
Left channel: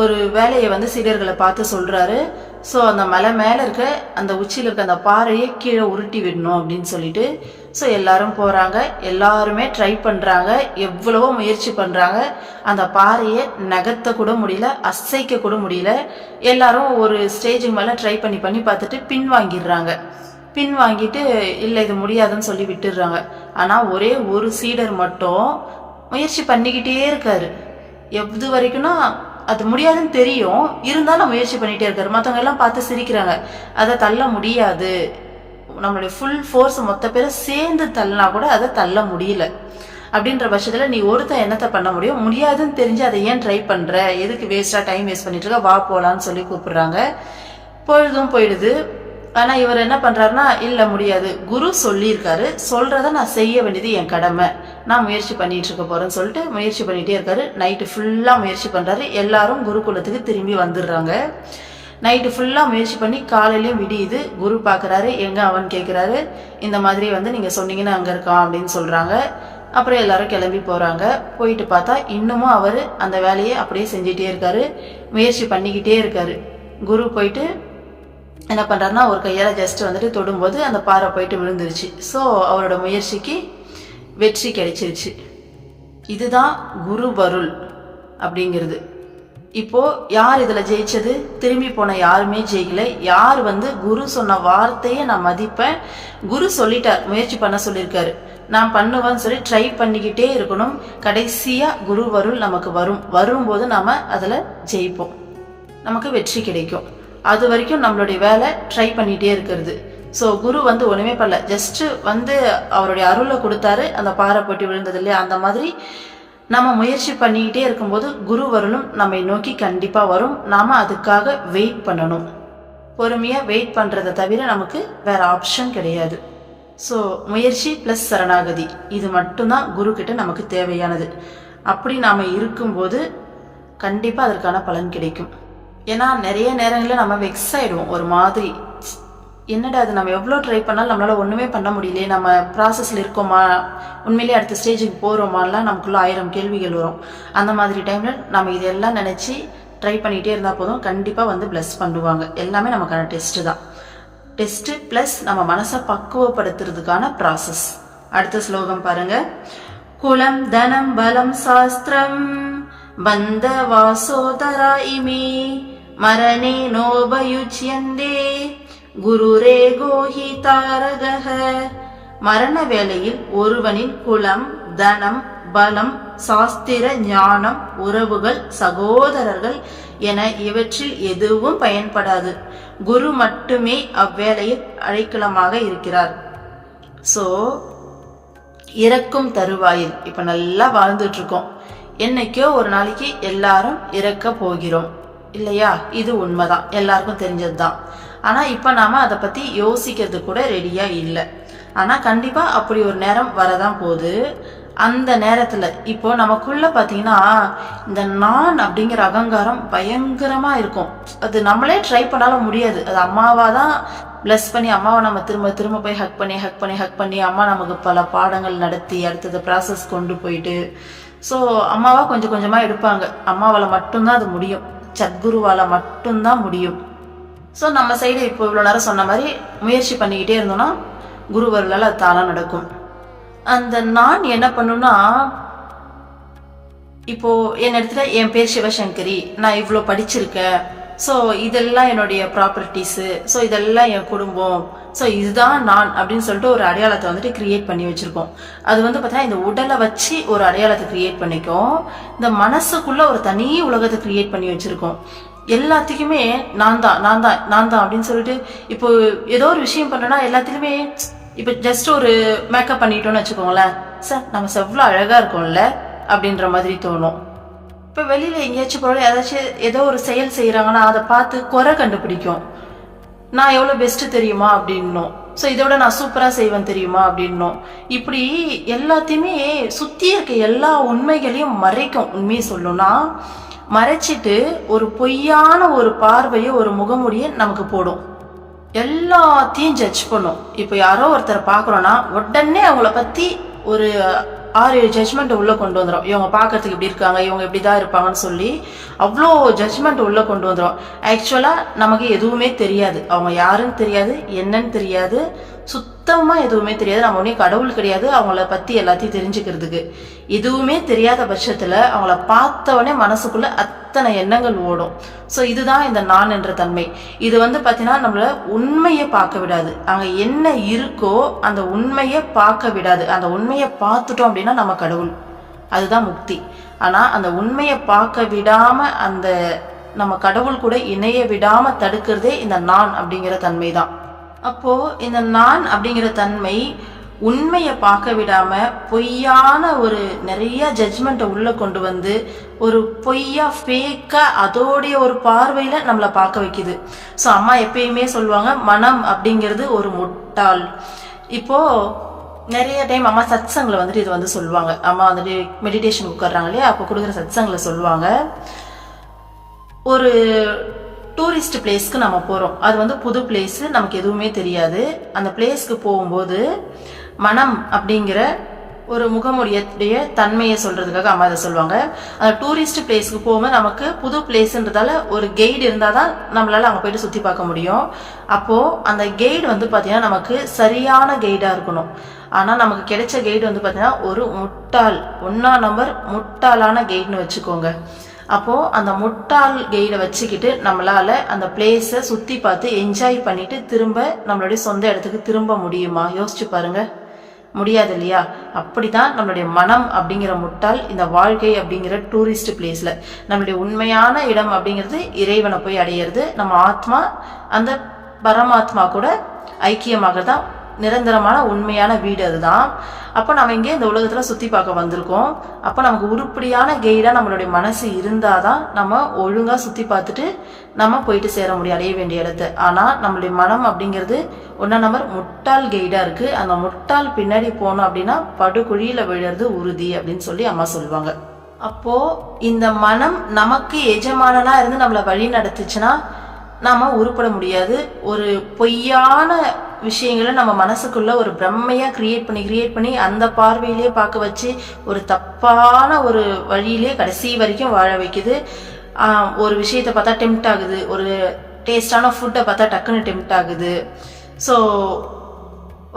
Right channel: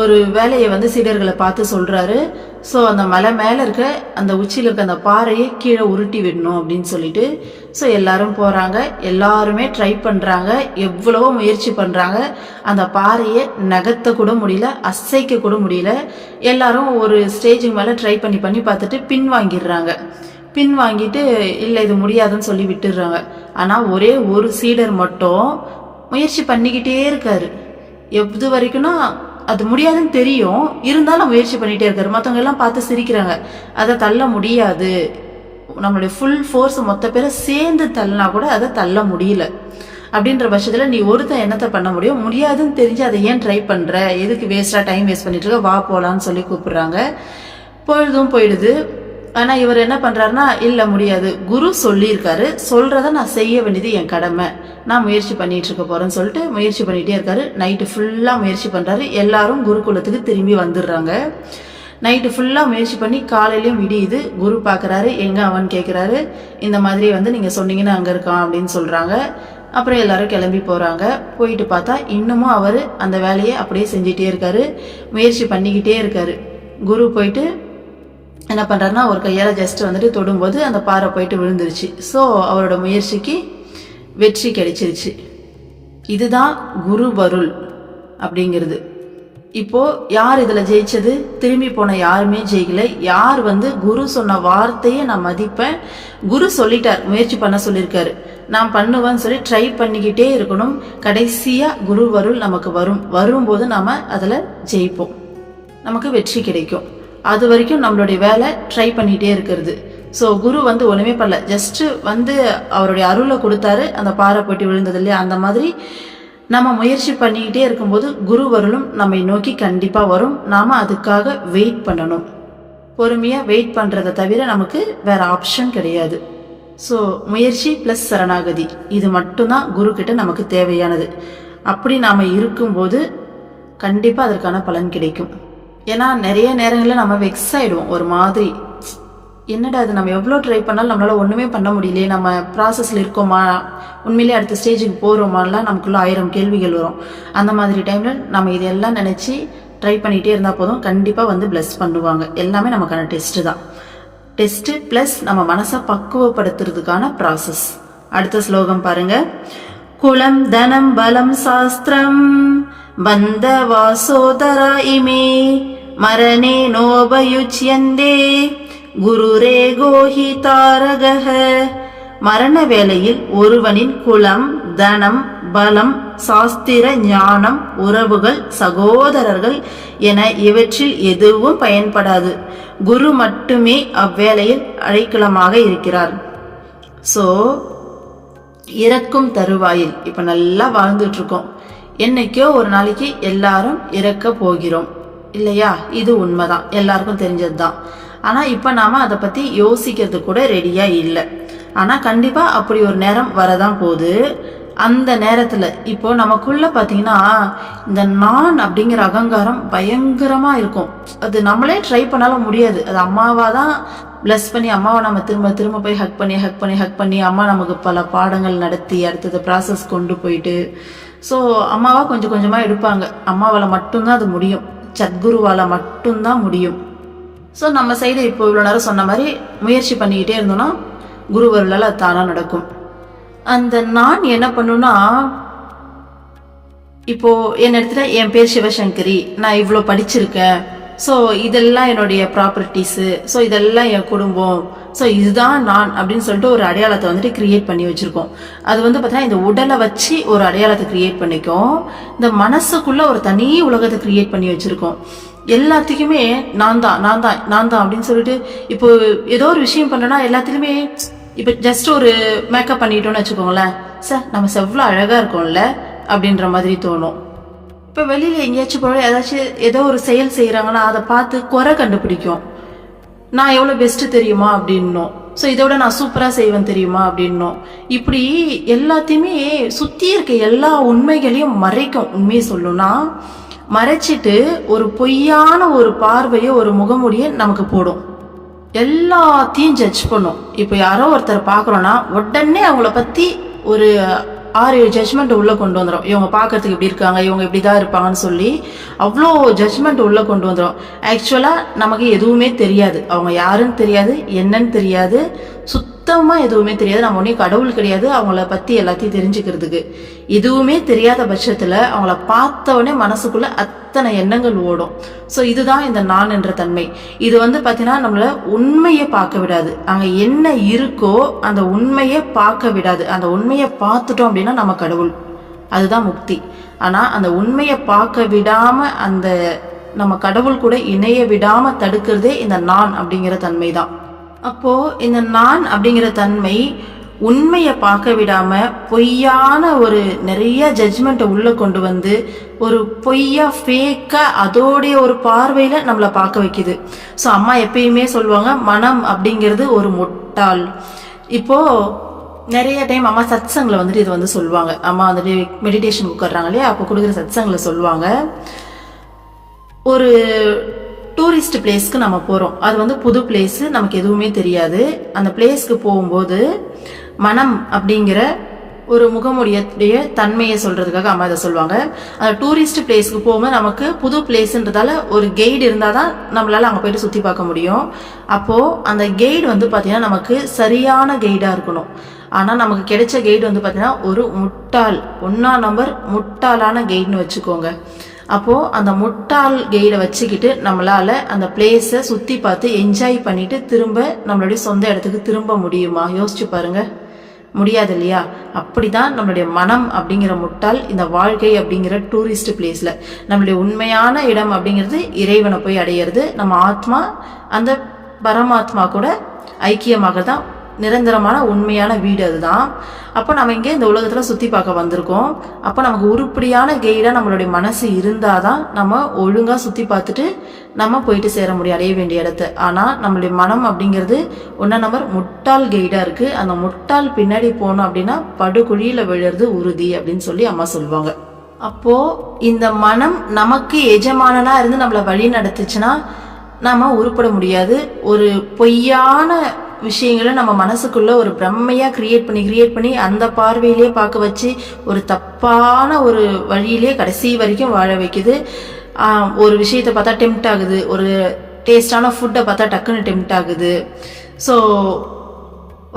ஒரு வேலையை வந்து சீடர்களை பார்த்து சொல்கிறாரு. ஸோ அந்த மலை மேலே இருக்க அந்த உச்சியில் இருக்க அந்த பாறையை கீழே உருட்டி விடணும் அப்படின்னு சொல்லிட்டு ஸோ எல்லாரும் போகிறாங்க. எல்லாருமே ட்ரை பண்ணுறாங்க, எவ்வளவோ முயற்சி பண்ணுறாங்க. அந்த பாறையை நகர்த்த கூட முடியல, அசைக்க கூட முடியல. எல்லாரும் ஒரு ஸ்டேஜுக்கு மேலே ட்ரை பண்ணி பார்த்துட்டு பின் வாங்கிட்டு இல்லை இது முடியாதுன்னு சொல்லி விட்டுடுறாங்க. ஆனால் ஒரே ஒரு சீடர் மட்டும் முயற்சி பண்ணிக்கிட்டே இருக்காரு. எது வரைக்கும்னா அது முடியாதுன்னு தெரியும், இருந்தாலும் முயற்சி பண்ணிகிட்டே இருக்காரு. மற்றவங்க எல்லாம் பார்த்து சிரிக்கிறாங்க. அதை தள்ள முடியாது, நம்மளுடைய ஃபுல் ஃபோர்ஸ் மொத்த பேரை சேர்ந்து தள்ளினா கூட அதை தள்ள முடியல. அப்படின்ற பட்சத்தில் நீ ஒருத்தன் என்னத்தை பண்ண முடியும், முடியாதுன்னு தெரிஞ்சு அதை ஏன் ட்ரை பண்ணுற, எதுக்கு வேஸ்ட்டாக டைம் வேஸ்ட் பண்ணிட்டு இருக்க, வா போகலான்னு சொல்லி கூப்பிடுறாங்க. பொழுதும் போயிடுது. ஆனால் இவர் என்ன பண்ணுறாருன்னா, இல்லை முடியாது, குரு சொல்லியிருக்காரு, சொல்கிறத நான் செய்ய வேண்டியது என் கடமை, நான் முயற்சி பண்ணிட்டு இருக்க போகிறேன்னு சொல்லிட்டு முயற்சி பண்ணிகிட்டே இருக்காரு. நைட்டு ஃபுல்லாக முயற்சி பண்ணுறாரு. எல்லாரும் குருகுலத்துக்கு திரும்பி வந்துடுறாங்க. நைட்டு ஃபுல்லாக முயற்சி பண்ணி காலையிலையும் விடியுது. குரு பார்க்குறாரு, எங்கே அவன் கேட்குறாரு. இந்த மாதிரி வந்து நீங்கள் சொன்னீங்கன்னா அங்கே இருக்கான் அப்படின்னு சொல்கிறாங்க. அப்புறம் எல்லாரும் கிளம்பி போகிறாங்க. போயிட்டு பார்த்தா இன்னமும் அவர் அந்த வேலையை அப்படியே செஞ்சிட்டே இருக்காரு, முயற்சி பண்ணிக்கிட்டே இருக்காரு. குரு போயிட்டு என்ன பண்ணுறாருன்னா ஒரு கையால் ஜஸ்ட் வந்துட்டு தொடும்போது அந்த பாறை போயிட்டு விழுந்துருச்சு. ஸோ அவரோட முயற்சிக்கு வெற்றி கிடைச்சிருச்சு. இதுதான் குருவருள் அப்படிங்கிறது. இப்போது யார் இதில் ஜெயிச்சது? திரும்பி போன யாருமே ஜெயிக்கல. யார் வந்து குரு சொன்ன வார்த்தையை நான் மதிப்பேன், குரு சொல்லிட்டார், முயற்சி பண்ண சொல்லியிருக்காரு, நான் பண்ணுவேன்னு சொல்லி ட்ரை பண்ணிக்கிட்டே இருக்கணும். கடைசியாக குருவருள் நமக்கு வரும்போது நாம் அதில் ஜெயிப்போம், நமக்கு வெற்றி கிடைக்கும். அது வரைக்கும் நம்மளுடைய வேலை ட்ரை பண்ணிகிட்டே இருக்கிறது. ஸோ குரு வந்து ஒன்றுமே பண்ணல, ஜஸ்ட்டு வந்து அவருடைய அருளை கொடுத்தாரு, அந்த பாறை போட்டு விழுந்தது இல்லையா, அந்த மாதிரி நம்ம முயற்சி பண்ணிக்கிட்டே இருக்கும்போது குருவருளும் நம்மை நோக்கி கண்டிப்பாக வரும். நாம் அதுக்காக வெயிட் பண்ணணும். பொறுமையாக வெயிட் பண்ணுறதை தவிர நமக்கு வேற ஆப்ஷன் கிடையாது. ஸோ முயற்சி ப்ளஸ் சரணாகதி இது மட்டும்தான் குரு கிட்ட நமக்கு தேவையானது. அப்படி நாம் இருக்கும்போது கண்டிப்பாக அதற்கான பலன் கிடைக்கும். ஏன்னா நிறைய நேரங்களில் நம்ம வெக்ஸ் ஆகிடுவோம். ஒரு மாதிரி என்னடா அது, நம்ம எவ்வளோ ட்ரை பண்ணாலும் நம்மளால் ஒன்றுமே பண்ண முடியலையே, நம்ம ப்ராசஸில் இருக்கோமா, உண்மையிலேயே அடுத்த ஸ்டேஜுக்கு போகிறோமான்லாம் நமக்குள்ள 1000 கேள்விகள் வரும். அந்த மாதிரி டைமில் நம்ம இதெல்லாம் நினச்சி ட்ரை பண்ணிகிட்டே இருந்தால் போதும், கண்டிப்பாக வந்து பிளஸ் பண்ணுவாங்க. எல்லாமே நமக்கான டெஸ்ட்டு தான். டெஸ்ட்டு ப்ளஸ் நம்ம மனசை பக்குவப்படுத்துறதுக்கான ப்ராசஸ். அடுத்த ஸ்லோகம் பாருங்க. குலம் தனம் பலம் சாஸ்திரம் பந்த வாசோதரா இமே மரணே நோபயுச்யந்தே குருரே கோஹி தாரகஹ. மரண வேளையில் ஒருவனின் குலம் தனம் பலம் சாஸ்திர ஞானம் உறவுகள் சகோதரர்கள் என இவற்றில் எதுவும் பயன்படாது. குரு மட்டுமே அவ்வேளையில் அடைக்கலமாக இருக்கிறார். ஸோ இறக்கும் தருவாயில் இப்ப நல்லா வாழ்ந்துட்டு இருக்கோம். என்னைக்கோ ஒரு நாளைக்கு எல்லாரும் இறக்க போகிறோம் இல்லையா? இது உண்மைதான், எல்லாருக்கும் தெரிஞ்சதுதான். ஆனா இப்ப நாம அதை பத்தி யோசிக்கிறது கூட ரெடியா இல்லை. ஆனா கண்டிப்பா அப்படி ஒரு நேரம் வரதான் போகுது. அந்த நேரத்துல இப்போ நமக்குள்ள பாத்தீங்கன்னா இந்த நான் அப்படிங்கிற அகங்காரம் பயங்கரமா இருக்கும். அது நம்மளே ட்ரை பண்ணாலும் முடியாது. அது அம்மாவாதான் பிளஸ் பண்ணி அம்மாவை நம்ம திரும்ப திரும்ப போய் ஹக் பண்ணி அம்மா நமக்கு பல பாடங்கள் நடத்தி அடுத்தது ப்ராசஸ் கொண்டு போயிட்டு ஸோ அம்மாவா கொஞ்சம் கொஞ்சமா எடுப்பாங்க. அம்மாவால மட்டும்தான் அது முடியும், சத்குருவால மட்டும்தான் முடியும். ஸோ நம்ம சைடு இப்போ இவ்வளோ நேரம் சொன்ன மாதிரி முயற்சி பண்ணிக்கிட்டே இருந்தோம்னா குருவர்களால் அது தானா நடக்கும். அந்த நான் என்ன பண்ணுன்னா, இப்போ என் இடத்துல என் பேர் சிவசங்கரி, நான் இவ்வளோ படிச்சிருக்கேன், ஸோ இதெல்லாம் என்னுடைய ப்ராப்பர்ட்டிஸு, ஸோ இதெல்லாம் என் குடும்பம், ஸோ இதுதான் நான் அப்படின்னு சொல்லிட்டு ஒரு அடையாளத்தை வந்துட்டு கிரியேட் பண்ணி வச்சிருக்கோம். அது வந்து பார்த்தீங்கன்னா இந்த உடலை வச்சு ஒரு அடையாளத்தை கிரியேட் பண்ணிக்கும். இந்த மனசுக்குள்ள ஒரு தனி உலகத்தை கிரியேட் பண்ணி வச்சிருக்கோம். எல்லாத்துக்குமே நான் தான் அப்படின்னு சொல்லிட்டு இப்போ ஏதோ ஒரு விஷயம் பண்றேன்னா எல்லாத்துலயுமே இப்ப ஜஸ்ட் ஒரு மேக்கப் பண்ணிட்டோம்னு வச்சுக்கோங்களேன், சார் நம்ம செவ்வளோ அழகா இருக்கோம்ல அப்படின்ற மாதிரி தோணும். இப்ப வெளியில எங்கேயாச்சும் போல ஏதாச்சும் ஏதோ ஒரு செயல் செய்யறாங்கன்னா அதை பார்த்து குறை கண்டுபிடிக்கும். நான் எவ்வளவு பெஸ்ட் தெரியுமா அப்படின்னும், ஸோ இதோட நான் சூப்பரா செய்வேன் தெரியுமா அப்படின்னும். இப்படி எல்லாத்தையுமே சுத்தி இருக்க எல்லா உண்மைகளையும் மறைக்கும். உண்மையை சொல்லணும்னா மறைச்சிட்டு ஒரு பொய்யான ஒரு பார்வையை ஒரு முகமுடிய நமக்கு போடும். எல்லாத்தையும் ஜட்ஜ் பண்ணும். இப்போ யாரோ ஒருத்தர் பார்க்குறோன்னா உடனே அவங்கள பற்றி ஒரு 6-7 ஜட்ஜ்மெண்ட் உள்ள கொண்டு வந்துடும். இவங்க பார்க்கறதுக்கு இப்படி இருக்காங்க, இவங்க இப்படிதான் இருப்பாங்கன்னு சொல்லி அவ்வளோ ஜட்ஜ்மெண்ட் உள்ள கொண்டு வந்துடும். ஆக்சுவலாக நமக்கு எதுவுமே தெரியாது, அவங்க யாருன்னு தெரியாது, என்னன்னு தெரியாது, சுத்தமா எதுவுமே தெரியாது. நம்ம ஒன்னே கடவுள் கிடையாது அவங்கள பத்தி எல்லாத்தையும் தெரிஞ்சுக்கிறதுக்கு. எதுவுமே தெரியாத பட்சத்துல அவங்கள பார்த்தவொடனே மனசுக்குள்ள அத்தனை எண்ணங்கள் ஓடும். ஸோ இதுதான் இந்த நான் என்ற தன்மை. இது வந்து பாத்தீங்கன்னா நம்மள உண்மையை பார்க்க விடாது. அங்க என்ன இருக்கோ அந்த உண்மையை பார்க்க விடாது. அந்த உண்மையை பார்த்துட்டோம் அப்படின்னா நம்ம கடவுள், அதுதான் முக்தி. ஆனா அந்த உண்மையை பார்க்க விடாம அந்த நம்ம கடவுள் கூட இணைய விடாம தடுக்கிறதே இந்த நான் அப்படிங்கிற தன்மை தான். அப்போ இந்த நான் அப்படிங்கிற தன்மை உண்மையை பார்க்க விடாம பொய்யான ஒரு நிறைய ஜட்ஜ்மெண்ட்டை உள்ள கொண்டு வந்து ஒரு பொய்யா ஃபேக்கா அதோடைய ஒரு பார்வையில நம்மளை பார்க்க வைக்குது. ஸோ அம்மா எப்பயுமே சொல்லுவாங்க, மனம் அப்படிங்கிறது ஒரு முட்டாள். இப்போ நிறைய டைம் அம்மா சத்சங்கில் வந்துட்டு இது வந்து சொல்லுவாங்க. அம்மா வந்துட்டு மெடிடேஷன் உட்கார்றாங்க இல்லையா, அப்போ கொடுக்குற சத்சங்கில் சொல்லுவாங்க, ஒரு டூரிஸ்ட் பிளேஸ்க்கு நம்ம போறோம், அது வந்து புது பிளேஸ், நமக்கு எதுவுமே தெரியாது. அந்த பிளேஸ்க்கு போகும்போது மனம் அப்படிங்கிற ஒரு முகமுடைய தன்மையை சொல்றதுக்காக அம்மா அதை சொல்லுவாங்க. அந்த டூரிஸ்ட் பிளேஸ்க்கு போகும்போது நமக்கு புது பிளேஸ்ன்றதால ஒரு கைடு இருந்தாதான் நம்மளால அங்க போயிட்டு சுத்தி பார்க்க முடியும். அப்போ அந்த கைடு வந்து பாத்தீங்கன்னா நமக்கு சரியான கைடா இருக்கணும். ஆனா நமக்கு கிடைச்ச கைடு வந்து பாத்தீங்கன்னா ஒரு முட்டாள், 1ஆம் நம்பர் முட்டாளான கைடுன்னு வச்சுக்கோங்க. அப்போ அந்த முட்டாள் கைடை வச்சுக்கிட்டு நம்மளால அந்த பிளேஸை சுத்தி பார்த்து என்ஜாய் பண்ணிட்டு திரும்ப நம்மளுடைய சொந்த இடத்துக்கு திரும்ப முடியுமா? யோசிச்சு பாருங்க, முடியாது இல்லையா? அப்படிதான் நம்மளுடைய மனம் அப்படிங்கிற முட்டாள் இந்த வாழ்க்கை அப்படிங்கிற டூரிஸ்ட் பிளேஸ்ல நம்மளுடைய உண்மையான இடம் அப்படிங்கிறது இறைவனை போய் அடையிறது. நம்ம ஆத்மா அந்த பரமாத்மா கூட ஐக்கியமாக தான் நிரந்தரமான உண்மையான வீடு அதுதான். அப்போ நம்ம இங்கே இந்த உலகத்தில் சுற்றி பார்க்க வந்திருக்கோம். அப்போ நமக்கு உருப்படியான கைடாக நம்மளுடைய மனசு இருந்தால் தான் நம்ம ஒழுங்காக சுற்றி பார்த்துட்டு நம்ம போயிட்டு சேர முடியும் அடைய வேண்டிய இடத்த. ஆனால் நம்மளுடைய மனம் அப்படிங்கிறது 1 நம்பர் முட்டாள் கைடாக இருக்குது. அந்த முட்டாள் பின்னாடி போனோம் அப்படின்னா படுகுழியில் விழுறது உறுதி அப்படின்னு சொல்லி அம்மா சொல்லுவாங்க. அப்போ இந்த மனம் நமக்கு எஜமானனா இருந்து நம்மளை வழி நடத்துச்சுன்னா நாம உருப்பட முடியாது. ஒரு பொய்யான விஷயங்களை நம்ம மனசுக்குள்ள ஒரு பிரம்மையா கிரியேட் பண்ணி அந்த பார்வையிலே பார்க்க வச்சு ஒரு தப்பான ஒரு வழியிலே கடைசி வரைக்கும் வாழ வைக்குது. ஒரு விஷயத்தை பார்த்தா டெம்ப்ட் ஆகுது, ஒரு டேஸ்டான ஃபுட்டை பார்த்தா டக்குன்னு டெம்ப்ட் ஆகுது. ஸோ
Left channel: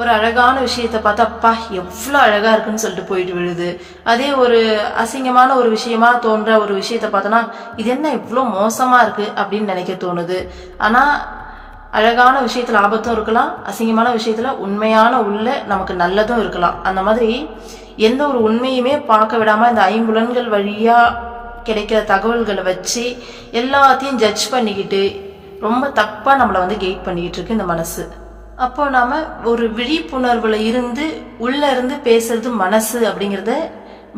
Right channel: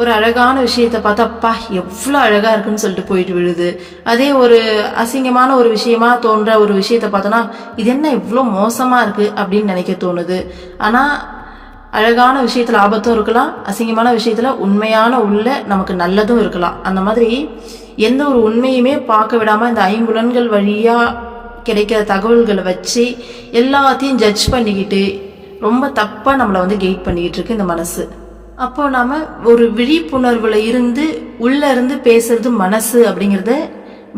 ஒரு அழகான விஷயத்தை பார்த்தா அப்பா எவ்வளோ அழகா இருக்குன்னு சொல்லிட்டு போயிட்டு விழுது. அதே ஒரு அசிங்கமான ஒரு விஷயமா தோன்ற ஒரு விஷயத்த பார்த்தோன்னா இது என்ன இவ்வளோ மோசமா இருக்கு அப்படின்னு நினைக்க தோணுது. ஆனால் அழகான விஷயத்துல ஆபத்தும் இருக்கலாம், அசிங்கமான விஷயத்துல உண்மையான உள்ள நமக்கு நல்லதும் இருக்கலாம். அந்த மாதிரி எந்த ஒரு உண்மையுமே பார்க்க விடாம இந்த 5 புலன்கள் வழியா கிடைக்கிற தகவல்களை வச்சு எல்லாத்தையும் ஜட்ஜ் பண்ணிக்கிட்டு ரொம்ப தப்பா நம்மளை வந்து கெயிட் பண்ணிக்கிட்டு இருக்கு இந்த மனசு. அப்போ நாம ஒரு விழிப்புணர்வுல இருந்து உள்ள இருந்து பேசுறது மனசு அப்படிங்கிறத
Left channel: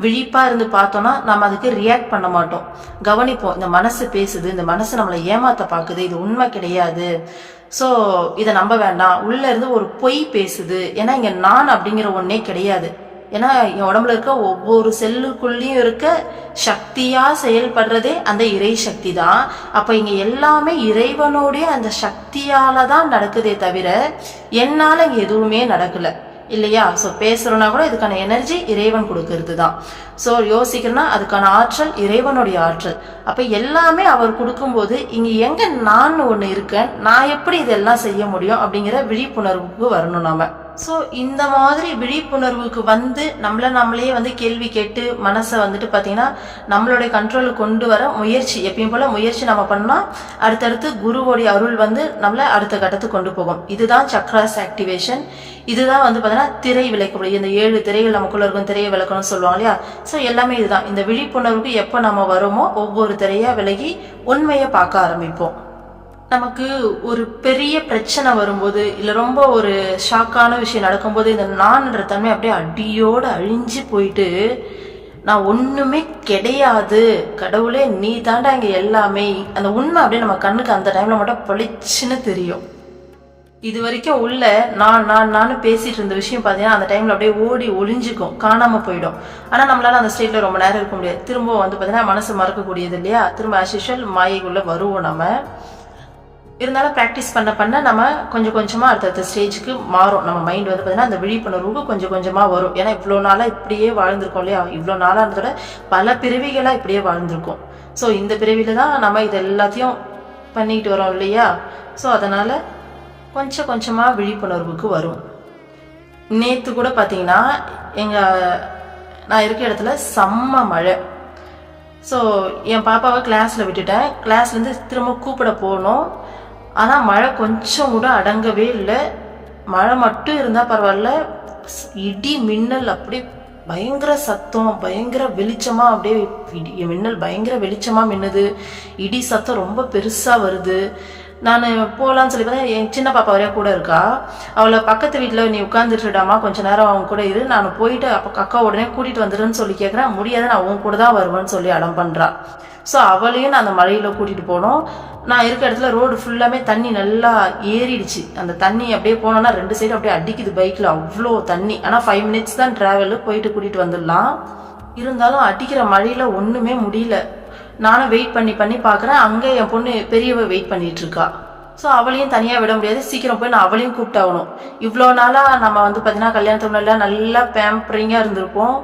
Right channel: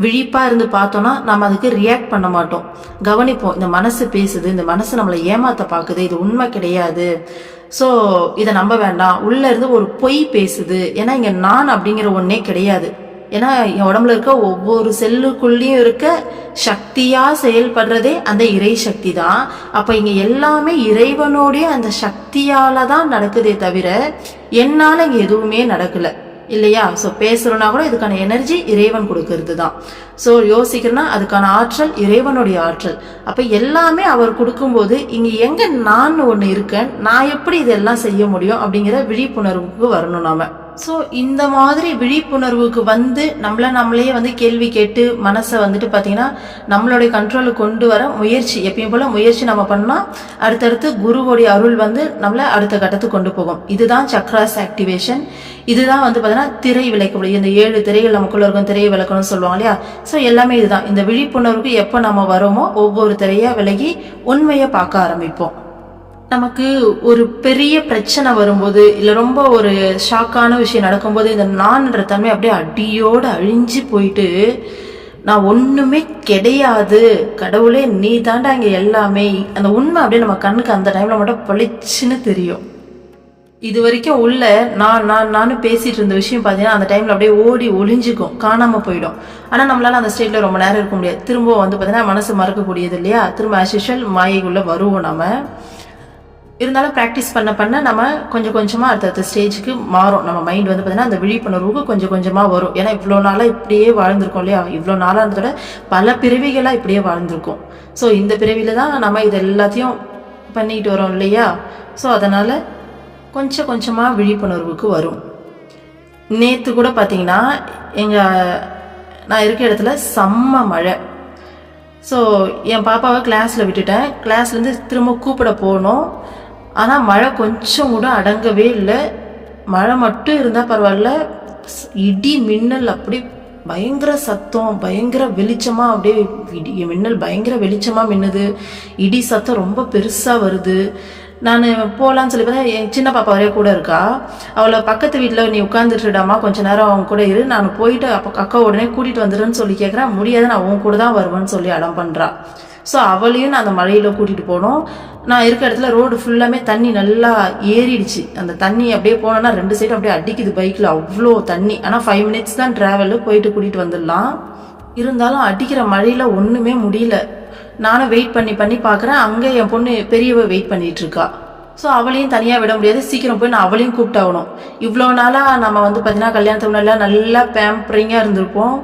விழிப்பா இருந்து பார்த்தோம்னா நம்ம அதுக்கு ரியாக்ட் பண்ண மாட்டோம், கவனிப்போம். இந்த மனசு பேசுது, இந்த மனசு நம்மளை ஏமாத்த பாக்குது, இது உண்மை கிடையாது, ஸோ இதை நம்ப வேண்டாம். உள்ள இருந்து ஒரு பொய் பேசுது, ஏன்னா இங்க நான் அப்படிங்கிற ஒன்னே கிடையாது. ஏன்னா என் உடம்புல இருக்க ஒவ்வொரு செல்லுக்குள்ளேயும் இருக்க சக்தியா செயல்படுறதே அந்த இறை சக்தி தான். அப்ப இங்க எல்லாமே இறைவனுடைய அந்த சக்தியால தான் நடக்குதே தவிர என்னால இங்க எதுவுமே நடக்கல இல்லையா? ஸோ பேசுறோம்னா கூட இதுக்கான எனர்ஜி இறைவன் கொடுக்கறது தான். ஸோ யோசிக்கிறேன்னா அதுக்கான ஆற்றல் இறைவனுடைய ஆற்றல். அப்ப எல்லாமே அவர் கொடுக்கும்போது இங்க எங்க நான் ஒண்ணு இருக்கேன், நான் எப்படி இதெல்லாம் செய்ய முடியும் அப்படிங்கிற விழிப்புணர்வுக்கு வரணும் நாம. ஸோ இந்த மாதிரி விழிப்புணர்வுக்கு வந்து நம்மளே வந்து கேள்வி கேட்டு மனசை வந்துட்டு பார்த்தீங்கன்னா நம்மளுடைய கண்ட்ரோலுக்கு கொண்டு வர முயற்சி, எப்பயும் போல முயற்சி நம்ம பண்ணோம், அடுத்தடுத்து குருவோடைய அருள் வந்து நம்மளை அடுத்த கட்டத்துக்கு கொண்டு போகும். இதுதான் சக்ராஸ் ஆக்டிவேஷன். இதுதான் வந்து பார்த்தீங்கன்னா திரை விளக்கக்கூடிய இந்த 7 திரைகள் நமக்குள்ள இருக்கும், திரையை விளக்கணும்னு சொல்லுவாங்க இல்லையா? ஸோ எல்லாமே இதுதான். இந்த விழிப்புணர்வுக்கு எப்போ நம்ம வரோமோ ஒவ்வொரு திரையா விலகி உண்மையை பார்க்க ஆரம்பிப்போம். நமக்கு ஒரு பெரிய பிரச்சனை வரும்போது இல்லை ரொம்ப ஒரு ஷாக்கான விஷயம் நடக்கும்போது இந்த நான்ன்ற தன்மை அப்படியே அடியோடு அழிஞ்சு போயிட்டு நான் ஒண்ணுமே கிடையாது, கடவுளே நீ தாண்டா இங்க எல்லாமே, அந்த உண்மை அப்படியே நம்ம கண்ணுக்கு அந்த டைம்ல மட்டும் பொழிச்சுன்னு தெரியும். இது வரைக்கும் உள்ள நான் பேசிட்டு இருந்த விஷயம் பார்த்தீங்கன்னா அந்த டைம்ல அப்படியே ஓடி ஒளிஞ்சுக்கும், காணாம போயிடும். ஆனா நம்மளால அந்த ஸ்டேட்ல ரொம்ப நேரம் இருக்க முடியாது. திரும்ப வந்து பார்த்தீங்கன்னா மனசு மறக்கக்கூடியது இல்லையா? திரும்ப அசிஷுவல் மாயைக்குள்ள வருவோம் நம்ம. இருந்தாலும் ப்ராக்டிஸ் பண்ண நம்ம கொஞ்சம் கொஞ்சமா அடுத்த ஸ்டேஜுக்கு மாறும். நம்ம மைண்ட் வந்து பார்த்தீங்கன்னா அந்த விழிப்புணர்வுக்கு கொஞ்சம் கொஞ்சமா வரும். ஏன்னா இவ்வளோ நாளா இப்படியே வாழ்ந்திருக்கோம் இல்லையா? இவ்வளோ நாளான்றதோட பல பிறவிகளா இப்படியே வாழ்ந்திருக்கோம். ஸோ இந்த பிறவில தான் நம்ம இது எல்லாத்தையும் பண்ணிட்டு வரோம் இல்லையா? ஸோ அதனால கொஞ்சம் கொஞ்சமா விழிப்புணர்வுக்கு வரும். நேற்று கூட பார்த்தீங்கன்னா நான் இருக்க இடத்துல செம்ம மழை. ஸோ என் பாப்பாவை கிளாஸ்ல விட்டுட்டேன். கிளாஸ்லேருந்து திரும்ப கூப்பிட போனோம். ஆனால் மழை கொஞ்சம் கூட அடங்கவே இல்லை. மழை மட்டும் இருந்தால் பரவாயில்ல, இடி மின்னல் அப்படி பயங்கர சத்தம், பயங்கர வெளிச்சமா, அப்படியே இடி மின்னல் பயங்கர வெளிச்சமா மின்னுது, இடி சத்தம் ரொம்ப பெருசா வருது. நான் போகலான்னு சொல்லி பார்த்தா என் சின்ன பாப்பா வரைய கூட இருக்கா. அவளை பக்கத்து வீட்டில் நீ உட்காந்துட்டுடாமா கொஞ்ச நேரம் அவங்க கூட இரு, நான் போயிட்டு அக்கா உடனே கூட்டிட்டு வந்துடுன்னு சொல்லி கேட்குறேன். முடியாது, நான் உன் கூட தான் வருவேன்னு சொல்லி அடம் பண்றா. ஸோ அவளையும் நான் அந்த மழையில கூட்டிட்டு போனோம். நான் இருக்க இடத்துல ரோடு ஃபுல்லாமே தண்ணி நல்லா ஏறிடுச்சு. அந்த தண்ணி அப்படியே போனோம்னா 2 சைடும் அப்படியே அடிக்குது பைக்ல, அவ்வளோ தண்ணி. ஆனால் 5 மினிட்ஸ் தான் டிராவல், போயிட்டு கூட்டிட்டு வந்துடலாம். இருந்தாலும் அடிக்கிற மழையில ஒண்ணுமே முடியல. நானும் வெயிட் பண்ணி பார்க்குறேன். அங்கே என் பொண்ணு பெரியவ வெயிட் பண்ணிட்டு இருக்கா. ஸோ அவளையும் தனியாக விட முடியாது, சீக்கிரம் போய் நான் அவளையும் கூப்பிட்டாகணும். இவ்வளோ நாளாக நம்ம வந்து பார்த்தீங்கன்னா கல்யாணத்துக்கு முன்னாடி நல்லா பேம்பரிங்காக இருந்திருப்போம்.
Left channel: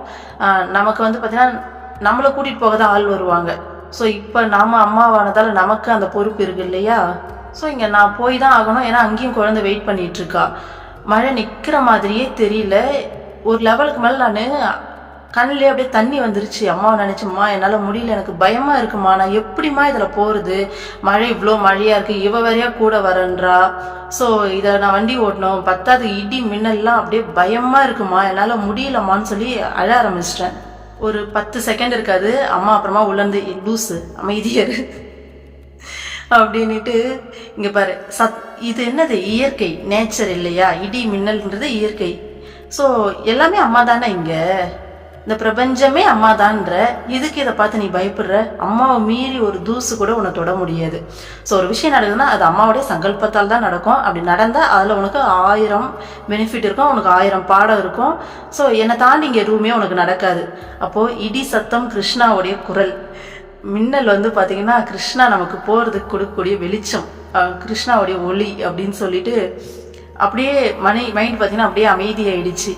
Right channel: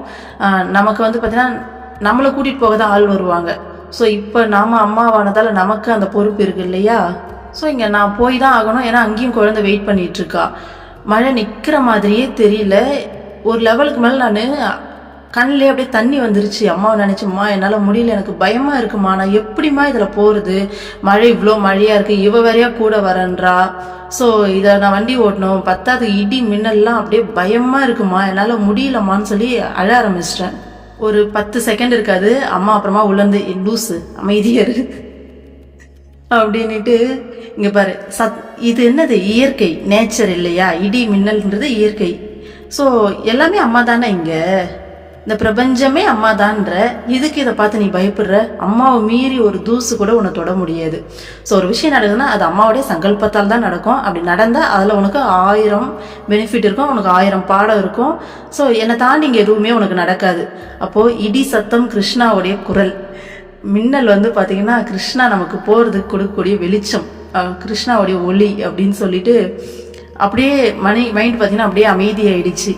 நமக்கு வந்து பார்த்தீங்கன்னா நம்மளை கூட்டிகிட்டு போக தான் ஆள் வருவாங்க. ஸோ இப்போ நாம அம்மாவானதால நமக்கு அந்த பொறுப்பு இருக்கு இல்லையா? ஸோ இங்கே நான் போய் தான் ஆகணும். ஏன்னா அங்கேயும் குழந்தை வெயிட் பண்ணிட்டு இருக்கா. மழை நிற்கிற மாதிரியே தெரியல. ஒரு லெவலுக்கு மேலே நான் கண்ணிலே அப்படியே தண்ணி வந்துருச்சு. அம்மாவை நினைச்சும்மா என்னால் முடியல, எனக்கு பயமா இருக்குமா, நான் எப்படிமா இதில் போகிறது, மழை இவ்வளோ மழையா இருக்கு, இவ வரையா கூட வரன்றா. ஸோ இதை நான் வண்டி ஓட்டணும், பத்தாவது இடி மின்னல்லாம் அப்படியே பயமா இருக்குமா, என்னால் முடியலம்மான்னு சொல்லி அழ ஆரம்பிச்சிட்டேன். ஒரு 10 செகண்ட் இருக்காது. அம்மா அப்புறமா உள்ளந்து லூஸு அமைதியாரு, அப்படின்ட்டு இங்க பாரு இது என்னது, இயற்கை, நேச்சர் இல்லையா? இடி மின்னல்ன்றது இயற்கை. ஸோ எல்லாமே அம்மா தானே, இங்க இந்த பிரபஞ்சமே அம்மா தான்ற. இதுக்கு இதை பார்த்து நீ பயப்படுற? அம்மாவை மீறி ஒரு தூசு கூட உன்னை தொட முடியாது. ஸோ ஒரு விஷயம் நடக்குதுன்னா அது அம்மாவுடைய சங்கல்பத்தால் தான் நடக்கும். அப்படி நடந்தால் அதில் உனக்கு 1000 பெனிஃபிட் இருக்கும், உனக்கு 1000 பாடம் இருக்கும். ஸோ என்னை தாண்டி இங்கே எதுவுமே உனக்கு நடக்காது. அப்போது இடி சத்தம் கிருஷ்ணாவுடைய குரல், மின்னல் பார்த்தீங்கன்னா கிருஷ்ணா நமக்கு போகிறதுக்கு கொடுக்கக்கூடிய வெளிச்சம், கிருஷ்ணாவுடைய ஒளி அப்படின்னு சொல்லிட்டு அப்படியே மைண்ட் பார்த்தீங்கன்னா அப்படியே அமைதியாயிடுச்சு.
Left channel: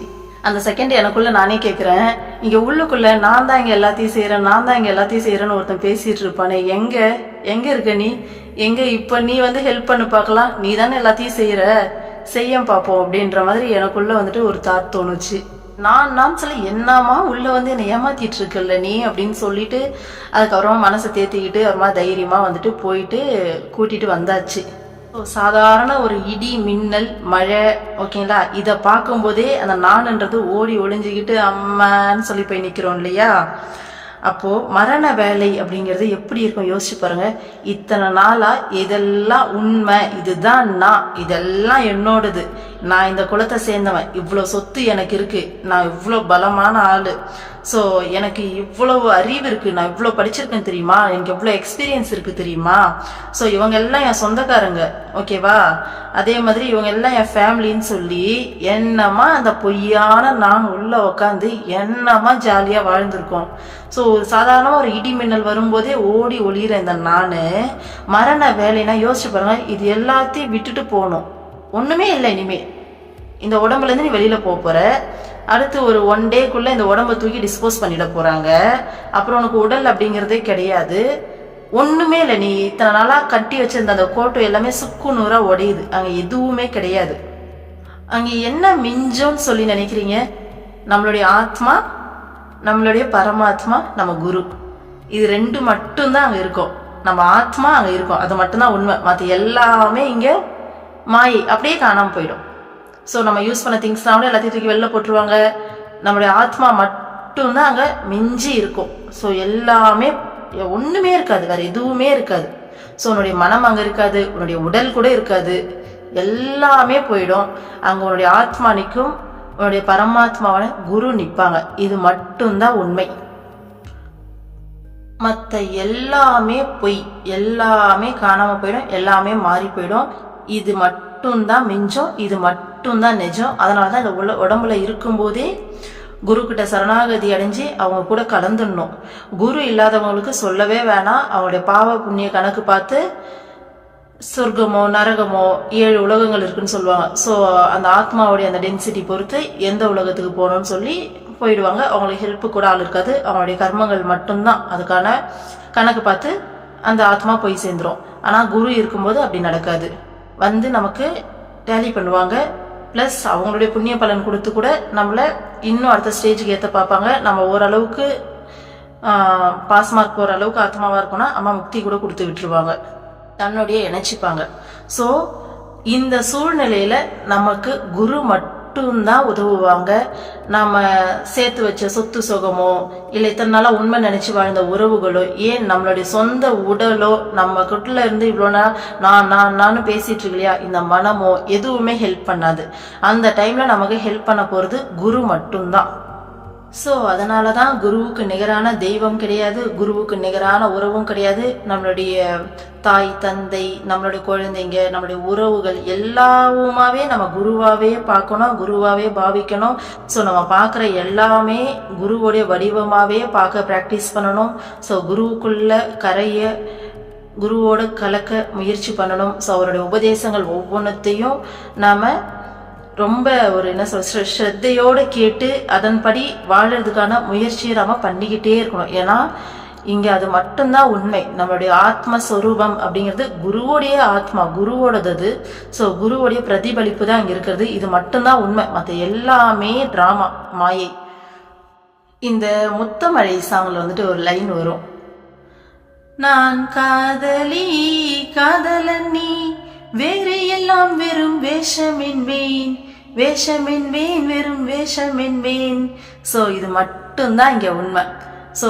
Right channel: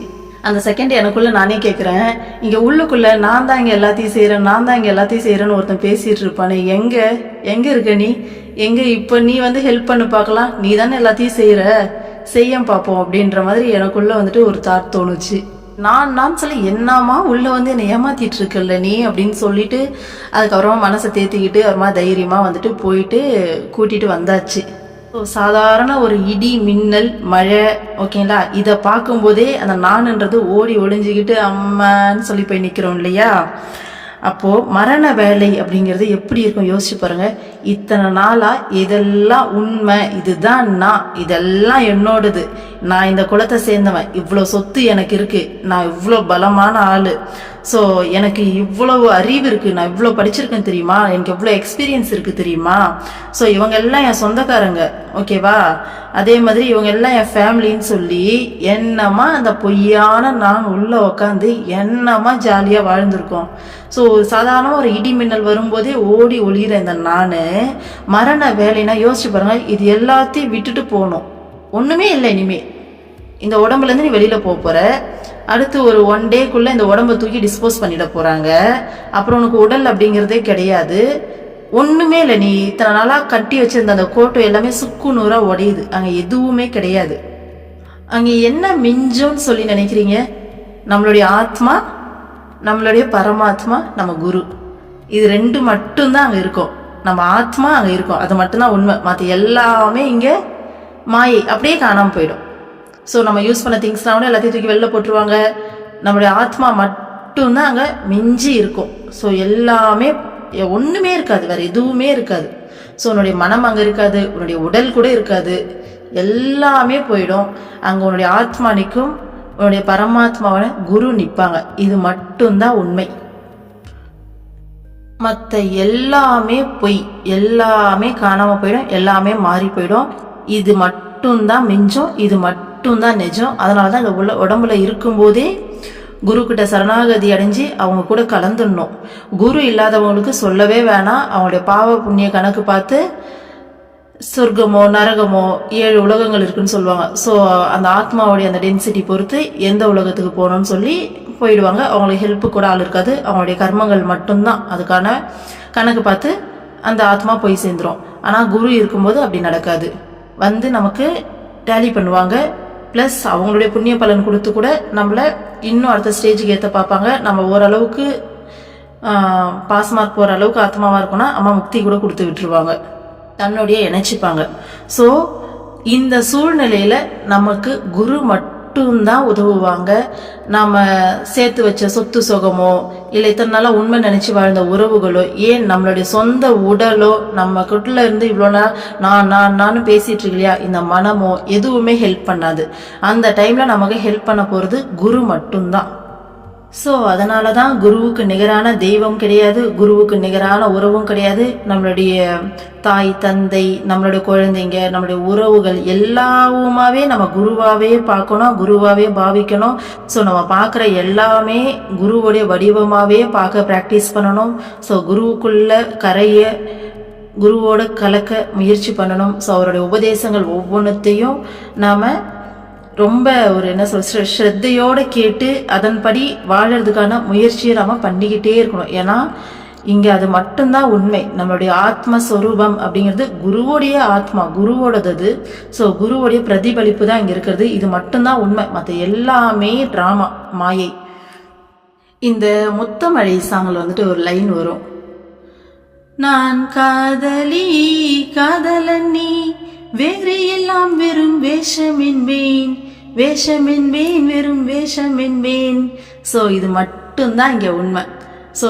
அந்த செகண்ட் எனக்குள்ள நானே கேட்குறேன், இங்கே உள்ளுக்குள்ள நான் தான் இங்கே எல்லாத்தையும் செய்கிறேன், நான் தான் இங்கே எல்லாத்தையும் செய்கிறேன்னு ஒருத்தன் பேசிகிட்டு இருப்பானே, எங்கே இருக்க நீ? இப்போ நீ ஹெல்ப் பண்ணு பார்க்கலாம், நீ தானே எல்லாத்தையும் செய்ய பார்ப்போம் அப்படின்ற மாதிரி எனக்குள்ள ஒரு தாட் தோணுச்சு. நான் சொல்லி என்னமா உள்ள என்னை ஏமாத்திட்டு இருக்கல நீ அப்படின்னு சொல்லிட்டு அதுக்கப்புறமா மனசை தேத்திக்கிட்டு அப்புறமா தைரியமா போயிட்டு கூட்டிட்டு வந்தாச்சு. சாதாரண ஒரு இடி மின்னல் மழை, ஓகேங்களா, இதை பார்க்கும்போதே அந்த நான்ன்றது ஓடி ஒளிஞ்சுக்கிட்டு அம்மான்னு சொல்லி போய் நிற்கிறோம் இல்லையா? அப்போ மரண வேலை அப்படிங்கிறது எப்படி இருக்கும் யோசிச்சு பாருங்க. இத்தனை நாளா இதெல்லாம் உண்மை, இதுதான் நான், இதெல்லாம் என்னோடது, நான் இந்த குலத்தை சேர்ந்தவன், இவ்வளவு சொத்து எனக்கு இருக்கு, நான் இவ்வளவு பலமான ஆளு, ஸோ எனக்கு இவ்வளவு அறிவு இருக்கு, நான் இவ்வளோ படிச்சிருக்கேன் தெரியுமா, எனக்கு எவ்வளோ எக்ஸ்பீரியன்ஸ் இருக்கு தெரியுமா, ஸோ இவங்க எல்லாம் என் சொந்தக்காரங்க, ஓகேவா, அதே மாதிரி இவங்க எல்லாம் என் ஃபேமிலின்னு சொல்லி என்னமா அந்த பொய்யான நான் உள்ள உக்காந்து என்னமா ஜாலியாக வாழ்ந்திருக்கோம். ஸோ சாதாரண ஒரு இடி மின்னல் வரும்போதே ஓடி ஒளிகிற இந்த நான் மரண வேலைன்னா யோசிச்சு பாருங்க, இது எல்லாத்தையும் விட்டுட்டு போகணும், ஒன்றுமே இல்லை இனிமே இந்த உடம்புலேருந்து நீ வெளியில் போகிற, அடுத்து ஒரு 1 டேக்குள்ளே இந்த உடம்பை தூக்கி டிஸ்போஸ் பண்ணிட போகிறாங்க, அப்புறம் உனக்கு உடல் அப்படிங்கிறதே கிடையாது, ஒன்றுமே இல்லை, நீ இத்தனை நாளாக கட்டி வச்சிருந்த அந்த கோட்டை எல்லாமே சுக்கு நூறாக உடையுது, அங்கே எதுவுமே கிடையாது. அங்கே என்ன மிஞ்சோன்னு சொல்லி நினைக்கிறீங்க? நம்மளுடைய ஆத்மா, நம்மளுடைய பரமாத்மா, நம்ம குரு, இது 2 மட்டும்தான் அங்கே இருக்கும். நம்ம ஆத்மா அங்கே இருக்கும், அது மட்டும்தான் உண்மை, மற்ற எல்லாமே இங்கே மாயை, அப்படியே காணாமல் போயிடும். ஸோ நம்ம யூஸ் பண்ண திங்ஸ்லாம் கூட எல்லாத்தையும் தூக்கி வெளில போட்டுருவாங்க, நம்மளுடைய ஆத்மா மட்டும்தான் அங்கே மிஞ்சி இருக்கும். ஸோ எல்லாமே ஒன்றுமே இருக்காது, வேற எதுவுமே இருக்காது. ஸோ உன்னுடைய மனம் அங்கே இருக்காது, உன்னுடைய உடல் கூட இருக்காது, எல்லாமே போயிடும். அங்கே உன்னுடைய ஆத்மா நிற்கும், உன்னுடைய பரமாத்மாவான குரு நிற்பாங்க. இது மட்டும்தான் உண்மை, மற்ற எல்லாமே பொய், எல்லாமே காணாமல் போயிடும், எல்லாமே மாறி போயிடும். இது மட்டும்தான் மிஞ்சம், இது மட்டும்தான் நிஜம். அதனால தான் இந்த உடம்புல இருக்கும்போதே குரு கிட்ட சரணாகதி அடைஞ்சு அவங்க கூட கலந்துடணும். குரு இல்லாதவங்களுக்கு சொல்லவே வேணாம், அவங்களுடைய பாவ புண்ணிய கணக்கு பார்த்து சொர்க்கமோ நரகமோ 7 உலகங்கள் இருக்குன்னு சொல்லுவாங்க. ஸோ அந்த ஆத்மாவுடைய அந்த டென்சிட்டி பொறுத்து எந்த உலகத்துக்கு போகணும்னு சொல்லி போயிடுவாங்க. அவங்களுக்கு ஹெல்ப்பு கூட ஆள் இருக்காது, அவங்களுடைய கர்மங்கள் மட்டும்தான் அதுக்கான கணக்கு பார்த்து அந்த ஆத்மா போய் சேர்ந்துடும். ஆனால் குரு இருக்கும்போது அப்படி நடக்காது, நமக்கு டேலி பண்ணுவாங்க, ப்ளஸ் அவங்களுடைய புண்ணிய பலன் கொடுத்து கூட நம்மளை இன்னும் அடுத்த ஸ்டேஜுக்கு ஏற்ற பார்ப்பாங்க. நம்ம ஓரளவுக்கு பாஸ் மார்க் போகிற அளவுக்கு ஆத்மாவாக இருக்கோம்னா அம்மா முக்தி கூட கொடுத்து விட்டுருவாங்க, தன்னுடைய இணைச்சிப்பாங்க. ஸோ இந்த சூழ்நிலையில நமக்கு குரு மட்டும்தான் உதவுவாங்க. நம்ம சேர்த்து வச்ச சொத்து சுகமோ இல்லை இத்தனை நாளா உண்மை நினைச்சு வாழ்ந்த உறவுகளோ, ஏன் நம்மளுடைய சொந்த உடலோ, நம்ம கிட்ட இருந்து இவ்வளோ நான் பேசிட்டு இருக்கு இல்லையா, இந்த மனமோ எதுவுமே ஹெல்ப் பண்ணாது. அந்த டைம்ல நமக்கு ஹெல்ப் பண்ண போறது குரு மட்டும்தான். ஸோ அதனால தான் குருவுக்கு நிகரான தெய்வம் கிடையாது, குருவுக்கு நிகரான உறவும் கிடையாது. நம்மளுடைய தாய் தந்தை, நம்மளுடைய குழந்தைங்க, நம்மளுடைய உறவுகள் எல்லாவுமாவே நம்ம குருவாவே பார்க்கணும், குருவாவே பாவிக்கணும். ஸோ நம்ம பார்க்குற எல்லாமே குருவுடைய வடிவமாகவே பார்க்க ப்ராக்டிஸ் பண்ணணும். ஸோ குருவுக்குள்ள கரைய குருவோட கலக்க முயற்சி பண்ணணும். ஸோ அவருடைய உபதேசங்கள் ஒவ்வொன்றத்தையும் நாம் ரொம்ப ஒரு என்ன சொல்ற ஸ்ரத்தையோடு கேட்டு அதன்படி வாழறதுக்கான முயற்சியை நம்ம பண்ணிக்கிட்டே இருக்கணும். ஏன்னா இங்கே அது மட்டும்தான் உண்மை. நம்மளுடைய ஆத்மஸ்வரூபம் அப்படிங்கிறது குருவோடைய ஆத்மா, குருவோடது அது. ஸோ குருவோடைய பிரதிபலிப்பு தான் இங்கே இருக்கிறது. இது மட்டும்தான் உண்மை, மற்ற எல்லாமே டிராமா, மாயை. இந்த முத்தமழை சாங்கில் ஒரு லைன் வரும், நான் காதலி காதலன் நீ, வேறு எல்லாம் வெறும் வேஷமென்பேன், வேஷமென்பேன் வெறும் வேஷமென்பேன். ஸோ இது மட்டும்தான் இங்கே உண்மை. ஸோ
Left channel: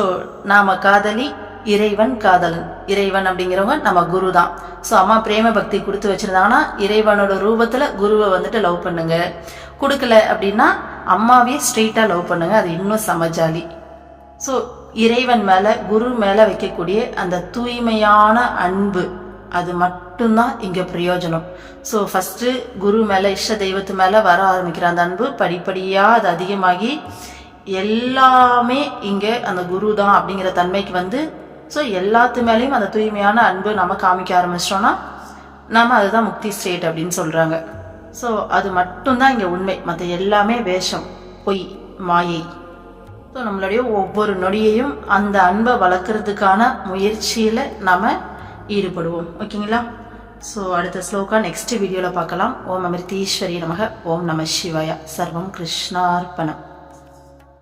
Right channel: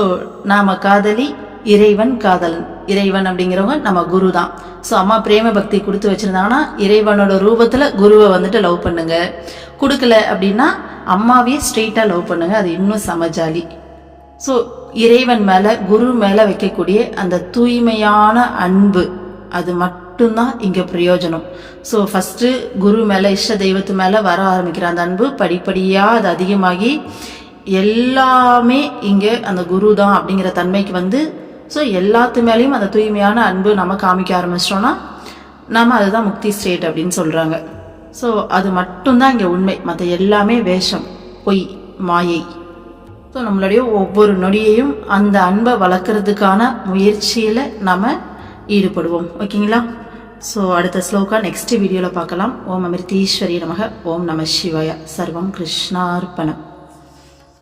நாம காதலி, இறைவன் காதலன். இறைவன் அப்படிங்கிறவங்க நம்ம குரு தான். ஸோ அம்மா பிரேம பக்தி கொடுத்து வச்சிருந்தாங்கன்னா இறைவனோட ரூபத்துல குருவை வந்துட்டு லவ் பண்ணுங்க. கொடுக்கல அப்படின்னா அம்மாவே ஸ்ட்ரெயிட்டா லவ் பண்ணுங்க, அது இன்னும் சமஜாலி. ஸோ இறைவன் மேல குரு மேல வைக்கக்கூடிய அந்த தூய்மையான அன்பு, அது மட்டும்தான் இங்க பிரயோஜனம். ஸோ ஃபர்ஸ்ட் குரு மேல இஷ்ட தெய்வத்து மேல வர ஆரம்பிக்கிற அந்த அன்பு படிப்படியா அது அதிகமாகி எல்லாமே இங்க அந்த குரு தான் அப்படிங்கிற தன்மைக்கு வந்து, ஸோ எல்லாத்து மேலேயும் அந்த தூய்மையான அன்பு நம்ம காமிக்க ஆரம்பிச்சிட்டோம்னா நாம அதுதான் முக்தி ஸ்டேட் அப்படின்னு சொல்றாங்க. ஸோ அது மட்டும்தான் இங்க உண்மை, மற்ற எல்லாமே வேஷம், பொய், மாயை. ஸோ நம்மளுடைய ஒவ்வொரு நொடியையும் அந்த அன்பை வளர்க்கறதுக்கான முயற்சியில நாம ஈடுபடுவோம். ஓகேங்களா? ஸோ அடுத்த ஸ்லோகா நெக்ஸ்ட் வீடியோல பார்க்கலாம். ஓம் அமிர்தீஸ்வரி நமக. ஓம் நம சிவாய. சர்வம் கிருஷ்ணார்ப்பணம்.